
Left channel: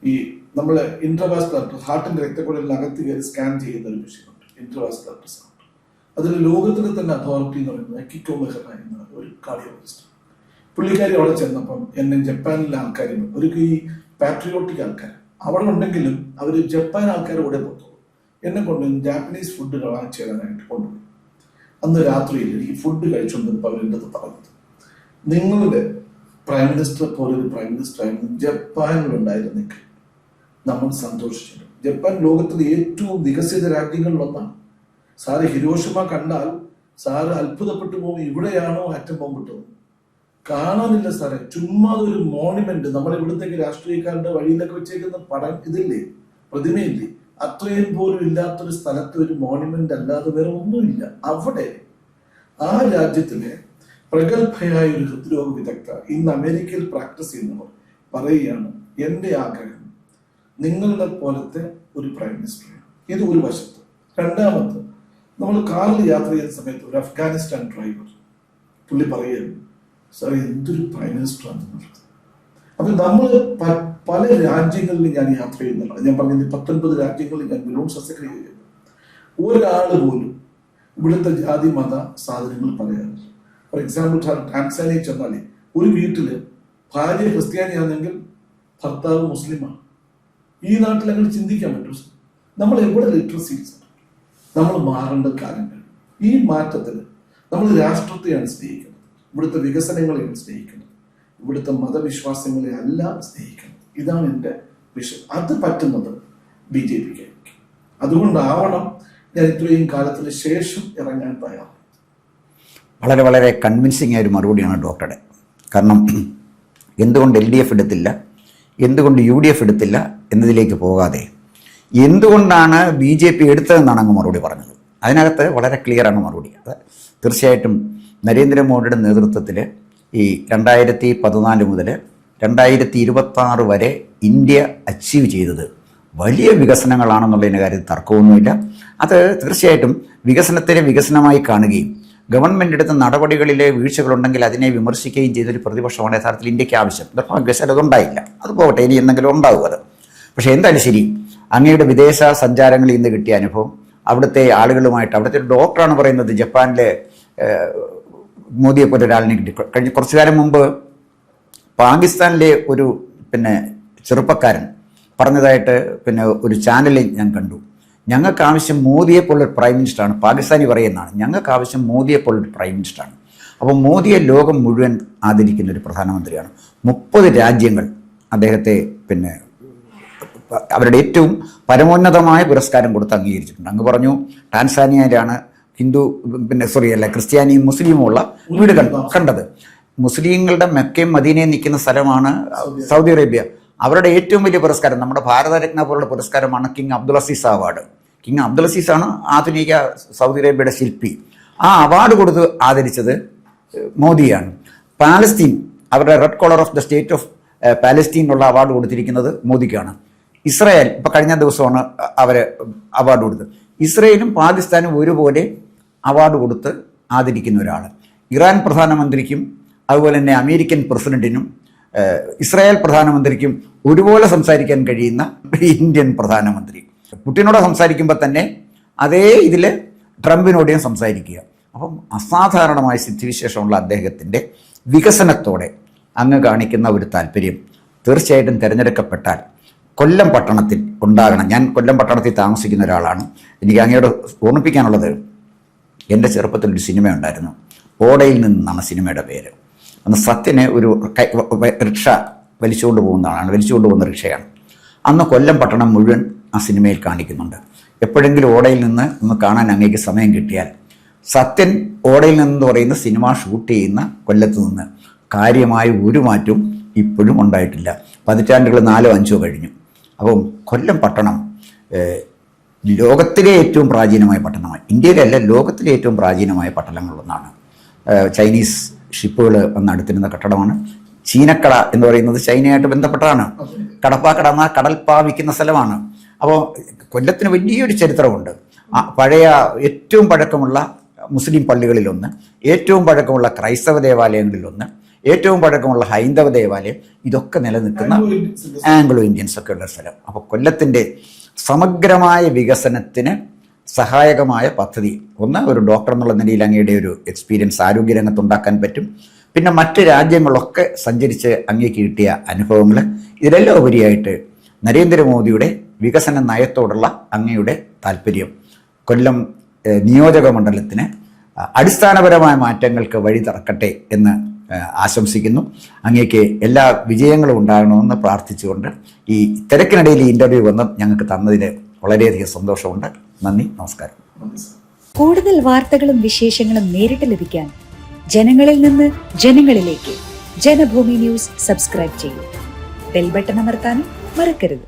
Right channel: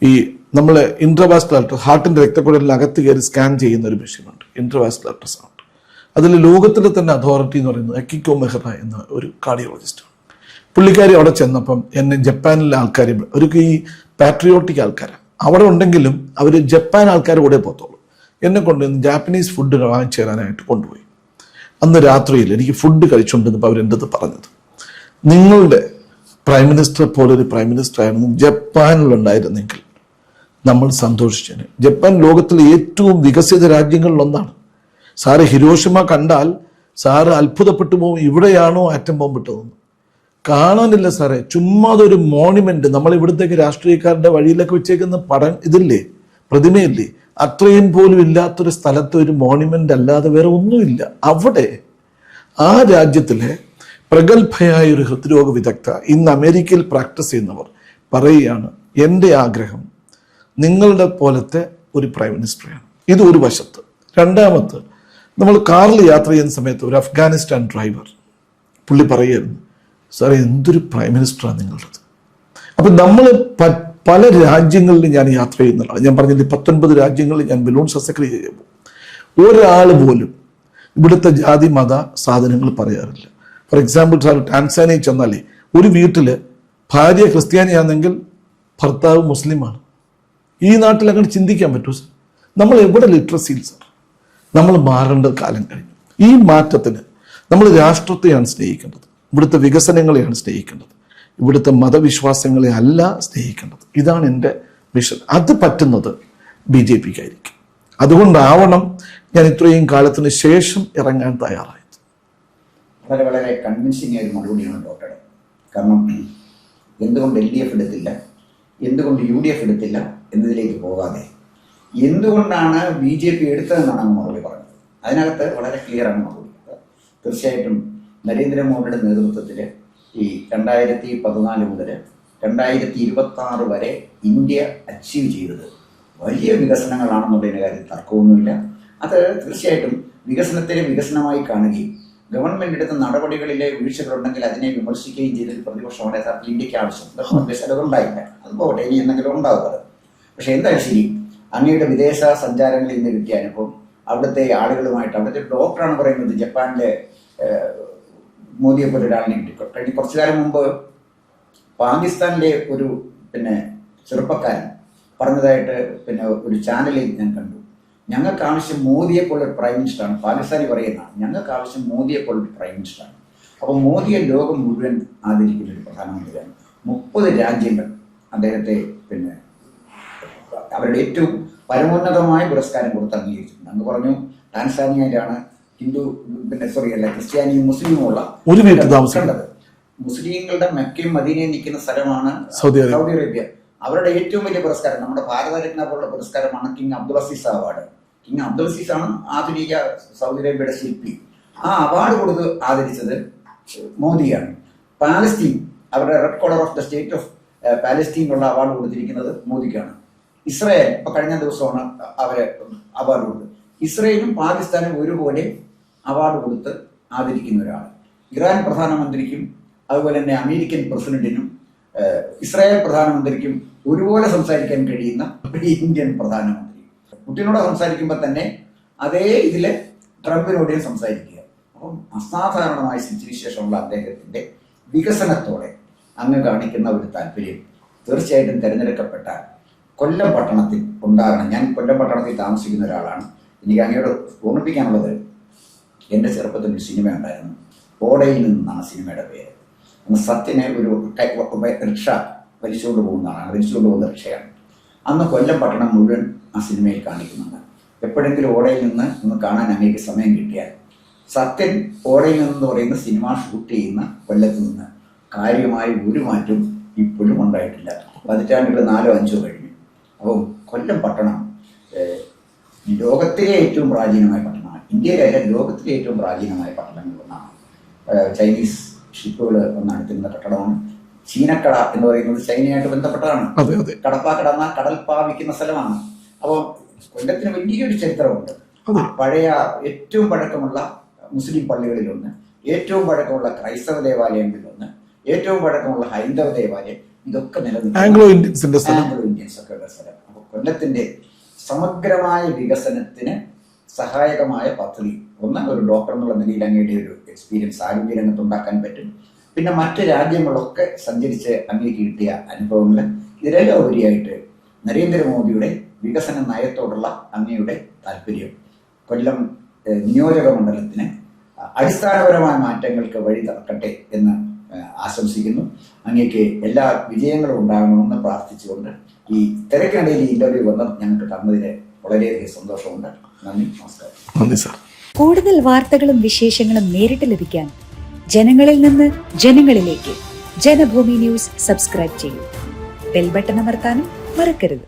ഈ നമ്മൾ ഇൻട്രാവാസ്കുലർ ഹാർട്ടിൻ്റെ രക്തക്കുഴലിനകത്ത് കയറി സ്കാൻ ചെയ്യുന്ന ഒരു മെഷീനുണ്ട്, ഇൻട്രാവാസ്കുലർ അൾട്രാസൗണ്ട്. അതിൽ ലോകത്തിലെ തന്നെ അതോറിറ്റി എന്ന് പറയുന്നത് അക്കിക്കോ മെഹ്റ എന്ന ഒരു കാർഡിയോളജിസ്റ്റാണ്. പുള്ളിക്കാരി അവിടെ ചെന്നപ്പം എന്നെ ജപ്പാനിലെ ആൾക്കാർ, അവർക്ക് ഈ പാട്രിയോട്ടിക് ആൾക്കാരാണ്, അവിടെ ഉണ്ടെങ്കിലും അവർ ജപ്പാൻ ആൾക്കാർ കൂടെ പോകത്തുള്ളൂ. എന്നെ കൊണ്ട് ജാപ്പനീസ് ഫുഡ് വാങ്ങിച്ചു തരാനായിട്ട് കൊണ്ടുപോയി. അന്ന് രാത്രിയിൽ എനിക്ക് ഫുഡ് കഴിച്ചുകൊണ്ടിരുന്നപ്പോൾ അവരെൻ്റെ അടുത്ത് പറഞ്ഞത്, നിങ്ങളുടെ പ്രൈം മിനിസ്റ്റർ പോലൊരു പ്രൈം മിനിസ്റ്റർ ആയിരുന്നു ജപ്പാനിലുണ്ടായിരുന്നെങ്കിൽ നമ്മൾ സന്തോഷിച്ചേനെ. ജപ്പാൻ ലോകത്തിലെ ഏറ്റവും വികസിത രാജ്യങ്ങളിലൊന്നാണ്. സാറ് ഹിരോഷിമ കണ്ടാൽ സാറ് അത്ഭുതപ്പെട്ടു പോകും, ഇവിടെയാണോ ആറ്റം ബോംബ് ഇട്ടതെന്ന്. കാണാനില്ല സാറേ, ചുമ്മാതൊരു മോണിമെന്റ്, നമ്മൾ ഇവിടുത്തേക്ക് രാഷ്ട്രീയക്കാരുടെ വഴിയിലൊക്കെ വെച്ചേക്കുന്ന ഇതില്ലേ, പ്രതിമയില്ലേ, അത്രയും പോലും ഇല്ലാത്തൊരു സ്ഥലത്ത് ഒരു മോണിമെന്റ് അല്ലാതെ വേറെ ഒന്നുമില്ല. അവിടെ ആ രാജ്യത്തിലെ പ്രഗത്ഭയായ ഒരു ഹൃദ്രോഗ വിദഗ്ധ, ഇന്ന് അമേരിക്കയിൽ പ്രാക്ടീസ് ചെയ്യുന്നവർ പറയുകയാണ്, എൻ്റെ ആഗ്രഹം നിങ്ങളുടെ പോലത്തെ ഒരു പ്രൈം മിനിസ്റ്ററാണ്. ഇത് ഒരു വശത്ത്. രണ്ടാമത്, നമ്മൾ കാറിൽ യാത്ര ചെയ്യുന്ന സമയത്ത് ഒരു അഫ്ഗാനിസ്ഥാൻ ഡ്രൈവർ പുള്ളി പറയുമായിരുന്നു, സാറേ എന്തൊരു പ്രൈം മിനിസ്റ്ററാണ് നിങ്ങളുടേത്. അപ്പം നമ്മൾ പല രാജ്യങ്ങളിൽ ഞാൻ യാത്ര ചെയ്യുന്നതാണ്. ഞാൻ പറഞ്ഞില്ലേ 19 രാജ്യങ്ങളിൽ ഞാൻ ബലൂൺ ശസ്ത്രക്രിയ ചെയ്യുമ്പോൾ ഒരാൾ പോലും ഇവിടുത്തെ ജാതി മത സാധനങ്ങൾ പറയാറില്ല. ഫോർ എക്സാമ്പിൾ സാർ ടാൻസാനിയയിൽ ചെന്നാലേ ഒരു വീട്ടിൽ ഭാര്യ ക്രിസ്ത്യാനിയാണെങ്കിൽ ഭർത്താവ് മുസ്ലിമാണ്. ഈ നാട്ടിൽ അങ്ങനെ ചിന്തിക്കാൻ പറ്റൂ സാർ? നമ്മൾ എവിടെ ലിറ്ററസി സാർ? നമ്മൾ മാറേണ്ട കാലം കഴിഞ്ഞു. ഈ മാറ്റത്തിന് നമ്മൾ രാഷ്ട്രത്തെയാണ് സ്നേഹിക്കേണ്ടത്, ഇവിടുത്തെ വികസനങ്ങളെയാണ് സ്നേഹിക്കേണ്ടത്, ഇവിടുത്തെ മതവിശ്വാസങ്ങളെ അല്ല സ്നേഹിക്കേണ്ടത്. ഇതാണ് എൻ്റെ വിഷൻ. അത് പറ്റുന്നത് BJPക്കായിരിക്കും. അതുകൊണ്ടാവണം ഞാൻ ഇത്രയും കാലത്തിന് ശേഷം ഇറങ്ങാൻ തയ്യാറായത്. വളരെ വളരെ കൺവിൻസിങ് ആയ ഒരു മറുപടിയാണ് ഡോക്ടറുടെ. കാരണം എന്തുകൊണ്ട് LDF എടുത്തില്ല, എന്തുകൊണ്ട് UDF എടുത്തില്ല എന്നതിലേക്ക് പോകാതെ എന്തുകൊണ്ടാണ് BJP എടുത്തതെന്നാണ് അങ്ങ് മറുപടി പറഞ്ഞത്. അതിനകത്ത് വളരെ ക്ലിയറാണ് മറുപടി. അത് തീർച്ചയായിട്ടും നരേന്ദ്രമോദിയുടെ നേതൃത്വത്തിൽ ഈ 2014 മുതൽ 2026 വരെ ഇന്ത്യ അച്ചീവ് ചെയ്തത് വലിയ വികസനങ്ങളാണെന്നുള്ളതിൻ്റെ കാര്യത്തിൽ തർക്കമൊന്നുമില്ല. അത് തീർച്ചയായിട്ടും വികസനത്തിനെ വികസനമായി കാണുകയും ഗവൺമെൻറ് എടുത്ത നടപടികളിലെ വീഴ്ചകളുണ്ടെങ്കിൽ അതിനെ വിമർശിക്കുകയും ചെയ്തൊരു പ്രതിപക്ഷമാണ് യഥാർത്ഥത്തിൽ ഇന്ത്യക്ക് ആവശ്യം. അതുണ്ടായില്ല, അത് പോകട്ടെ, ഇനി എന്തെങ്കിലും ഉണ്ടാവും അത്. പക്ഷേ എന്തായാലും ശരി, അങ്ങയുടെ വിദേശ സഞ്ചാരങ്ങളിൽ ഇന്ന് കിട്ടിയ അനുഭവം, അവിടുത്തെ ആളുകളുമായിട്ട്, അവിടുത്തെ ഒരു ഡോക്ടറാണ് പറയുന്നത് ജപ്പാനിലെ മോദിയെ പോലെ ഒരാളിനെ കിട്ടി. കഴിഞ്ഞ കുറച്ചു കാലം മുമ്പ് പാകിസ്ഥാനിലെ ഒരു ചെറുപ്പക്കാരൻ പറഞ്ഞതായിട്ട് ഒരു ചാനലിൽ ഞാൻ കണ്ടു. ഞങ്ങൾക്ക് ആവശ്യം മോദിയെ പോലൊരു പ്രൈം മിനിസ്റ്ററാണ്. പാകിസ്ഥാനി പറയുന്നതാണ്, ഞങ്ങൾക്ക് ആവശ്യം മോദിയെ പോലൊരു പ്രൈം മിനിസ്റ്ററാണ്. അപ്പോൾ മോദിയെ ലോകം മുഴുവൻ ആദരിക്കുന്ന ഒരു പ്രധാനമന്ത്രിയാണ്. 30 രാജ്യങ്ങൾ അദ്ദേഹത്തെ അവരുടെ ഏറ്റവും പരമോന്നതമായ പുരസ്കാരം കൊടുത്ത് അംഗീകരിച്ചിട്ടുണ്ട്. അങ്ങ് പറഞ്ഞു ടാൻസാനിയയിലാണ് ക്രിസ്ത്യാനിയും മുസ്ലിമും ഉള്ള കണ്ടത്. മുസ്ലിങ്ങളുടെ മെക്കയും മദീനയും നിൽക്കുന്ന സ്ഥലമാണ് സൗദി അറേബ്യ. അവരുടെ ഏറ്റവും വലിയ പുരസ്കാരം, നമ്മുടെ ഭാരതരത്ന പോലുള്ള പുരസ്കാരമാണ് king Abdul Aziz award. King Abdul അസീസാണ് ആധുനിക സൗദി അറേബ്യയുടെ ശില്പി. ആ അവാർഡ് കൊടുത്ത് ആദരിച്ചത് മോദിയാണ്. പാലസ്തീൻ, അവരുടെ red collar of the state of പാലസ്തീനുള്ള അവാർഡ് കൊടുത്തിരിക്കുന്നത് മോദിക്കാണ്. ഇസ്രായേൽ ഇപ്പോൾ കഴിഞ്ഞ ദിവസമാണ് അവർ അവാർഡ് കൊടുത്തത്. ഇസ്രായേലും പാകിസ്ഥാനും ഒരുപോലെ അവാർഡ് കൊടുത്ത് ആദരിക്കുന്ന ഒരാൾ. ഇറാൻ പ്രധാനമന്ത്രിക്കും അതുപോലെ തന്നെ അമേരിക്കൻ പ്രസിഡന്റിനും ഇസ്രായേൽ പ്രധാനമന്ത്രിക്കും ഒരുപോലെ സംസാരിക്കാൻ കഴിയുന്ന ഇന്ത്യൻ പ്രധാനമന്ത്രി. പുടിനോട് സംസാരിക്കുമ്പോൾ തന്നെ അതേ ഇതിൽ ട്രംപിനോടെയും സംസാരിക്കുക. അപ്പം അസാധാരണമായ സ്ഥിതിവിശേഷമുള്ള അദ്ദേഹത്തിൻ്റെ വികസനത്തോടെ അങ്ങ് കാണിക്കുന്ന ഒരു താല്പര്യം തീർച്ചയായിട്ടും തിരഞ്ഞെടുക്കപ്പെട്ടാൽ കൊല്ലം പട്ടണത്തിൽ ഉണ്ടാകണം. ഞാൻ കൊല്ലം പട്ടണത്തിൽ താമസിക്കുന്ന ഒരാളാണ്. എനിക്ക് അങ്ങയോട് ഓർമ്മിപ്പിക്കാനുള്ളത്, എൻ്റെ ചെറുപ്പത്തിലൊരു സിനിമ ഉണ്ടായിരുന്നു, ഓടയിൽ നിന്നാണ് സിനിമയുടെ പേര്. അന്ന് സത്യന് ഒരു റിക്ഷ വലിച്ചുകൊണ്ട് പോകുന്ന റിക്ഷയാണ്. അന്ന് കൊല്ലം പട്ടണം മുഴുവൻ ആ സിനിമയിൽ കാണിക്കുന്നുണ്ട്. എപ്പോഴെങ്കിലും ഓടയിൽ നിന്ന് ഒന്ന് കാണാൻ അങ്ങേക്ക് സമയം കിട്ടിയാൽ, സത്യൻ ഓടയിൽ നിന്ന് പറയുന്ന സിനിമ ഷൂട്ട് ചെയ്യുന്ന കൊല്ലത്ത് നിന്ന് കാര്യമായ ഒരു മാറ്റവും ഇപ്പോഴും ഉണ്ടായിട്ടില്ല. പതിറ്റാണ്ടുകൾ 4-5 കഴിഞ്ഞു. അപ്പം കൊല്ലം പട്ടണം ലോകത്തിലെ ഏറ്റവും പ്രാചീനമായ പട്ടണമാണ്. ഇന്ത്യയിലല്ല, ലോകത്തിലെ ഏറ്റവും പ്രാചീനമായ പട്ടണങ്ങളിലൊന്നാണ്. ചൈനീസ് ഷിപ്പുകൾ വന്ന് അടുത്തിരുന്ന കെട്ടിടമാണ്. ചീനക്കട എന്ന് പറയുന്നത് ചൈനയായിട്ട് ബന്ധപ്പെട്ടാണ്. കടപ്പാക്കട എന്നാൽ കടൽപ്പാവിക്കുന്ന സ്ഥലമാണ്. അപ്പോൾ കൊല്ലത്തിന് വലിയൊരു ചരിത്രമുണ്ട്. പഴയ ഏറ്റവും പഴക്കമുള്ള മുസ്ലിം പള്ളികളിലൊന്ന്, ഏറ്റവും പഴക്കമുള്ള ക്രൈസ്തവ ദേവാലയങ്ങളിലൊന്ന്, ഏറ്റവും പഴക്കമുള്ള ഹൈന്ദവ ദേവാലയം, ഇതൊക്കെ നിലനിൽക്കുന്ന ആംഗ്ലോ ഇന്ത്യൻസ് ഒക്കെ ഉള്ള സ്ഥലം. അപ്പോൾ കൊല്ലത്തിൻ്റെ സമഗ്രമായ വികസനത്തിന് സഹായകമായ പദ്ധതി, ഒന്ന് ഒരു ഡോക്ടർ എന്നുള്ള നിലയിൽ അങ്ങയുടെ ഒരു എക്സ്പീരിയൻസ് ആരോഗ്യരംഗത്തുണ്ടാക്കാൻ പറ്റും. പിന്നെ മറ്റ് രാജ്യങ്ങളൊക്കെ സഞ്ചരിച്ച് അങ്ങേക്ക് കിട്ടിയ അനുഭവങ്ങൾ, ഇതിലെല്ലാം ഉപരിയായിട്ട് നരേന്ദ്രമോദിയുടെ വികസന നയത്തോടുള്ള അങ്ങയുടെ താല്പര്യം കൊല്ലം നിയോജക മണ്ഡലത്തിന് അടിസ്ഥാനപരമായ മാറ്റങ്ങൾക്ക് വഴി തുറക്കട്ടെ എന്ന് ആശംസിക്കുന്നു. അങ്ങേക്ക് എല്ലാ വിജയങ്ങളും ഉണ്ടാകണമെന്ന് പ്രാർത്ഥിച്ചുകൊണ്ട് ഈ തിരക്കിനിടയിൽ ഈ ഇൻ്റർവ്യൂ വന്ന് ഞങ്ങൾക്ക് തന്നതിൽ വളരെയധികം സന്തോഷമുണ്ട്. നന്ദി, നമസ്കാരം. നന്ദി സാർ. കൂടുതൽ വാർത്തകളും വിശേഷങ്ങളും നേരിട്ട് ലഭിക്കാൻ ജനങ്ങളിൽ നിന്ന് ജനങ്ങളിലേക്ക് ജനഭൂമി ന്യൂസ് സബ്സ്ക്രൈബ് ചെയ്യൂ. ബെൽ ബട്ടൺ അമർത്താനും മറക്കരുത്.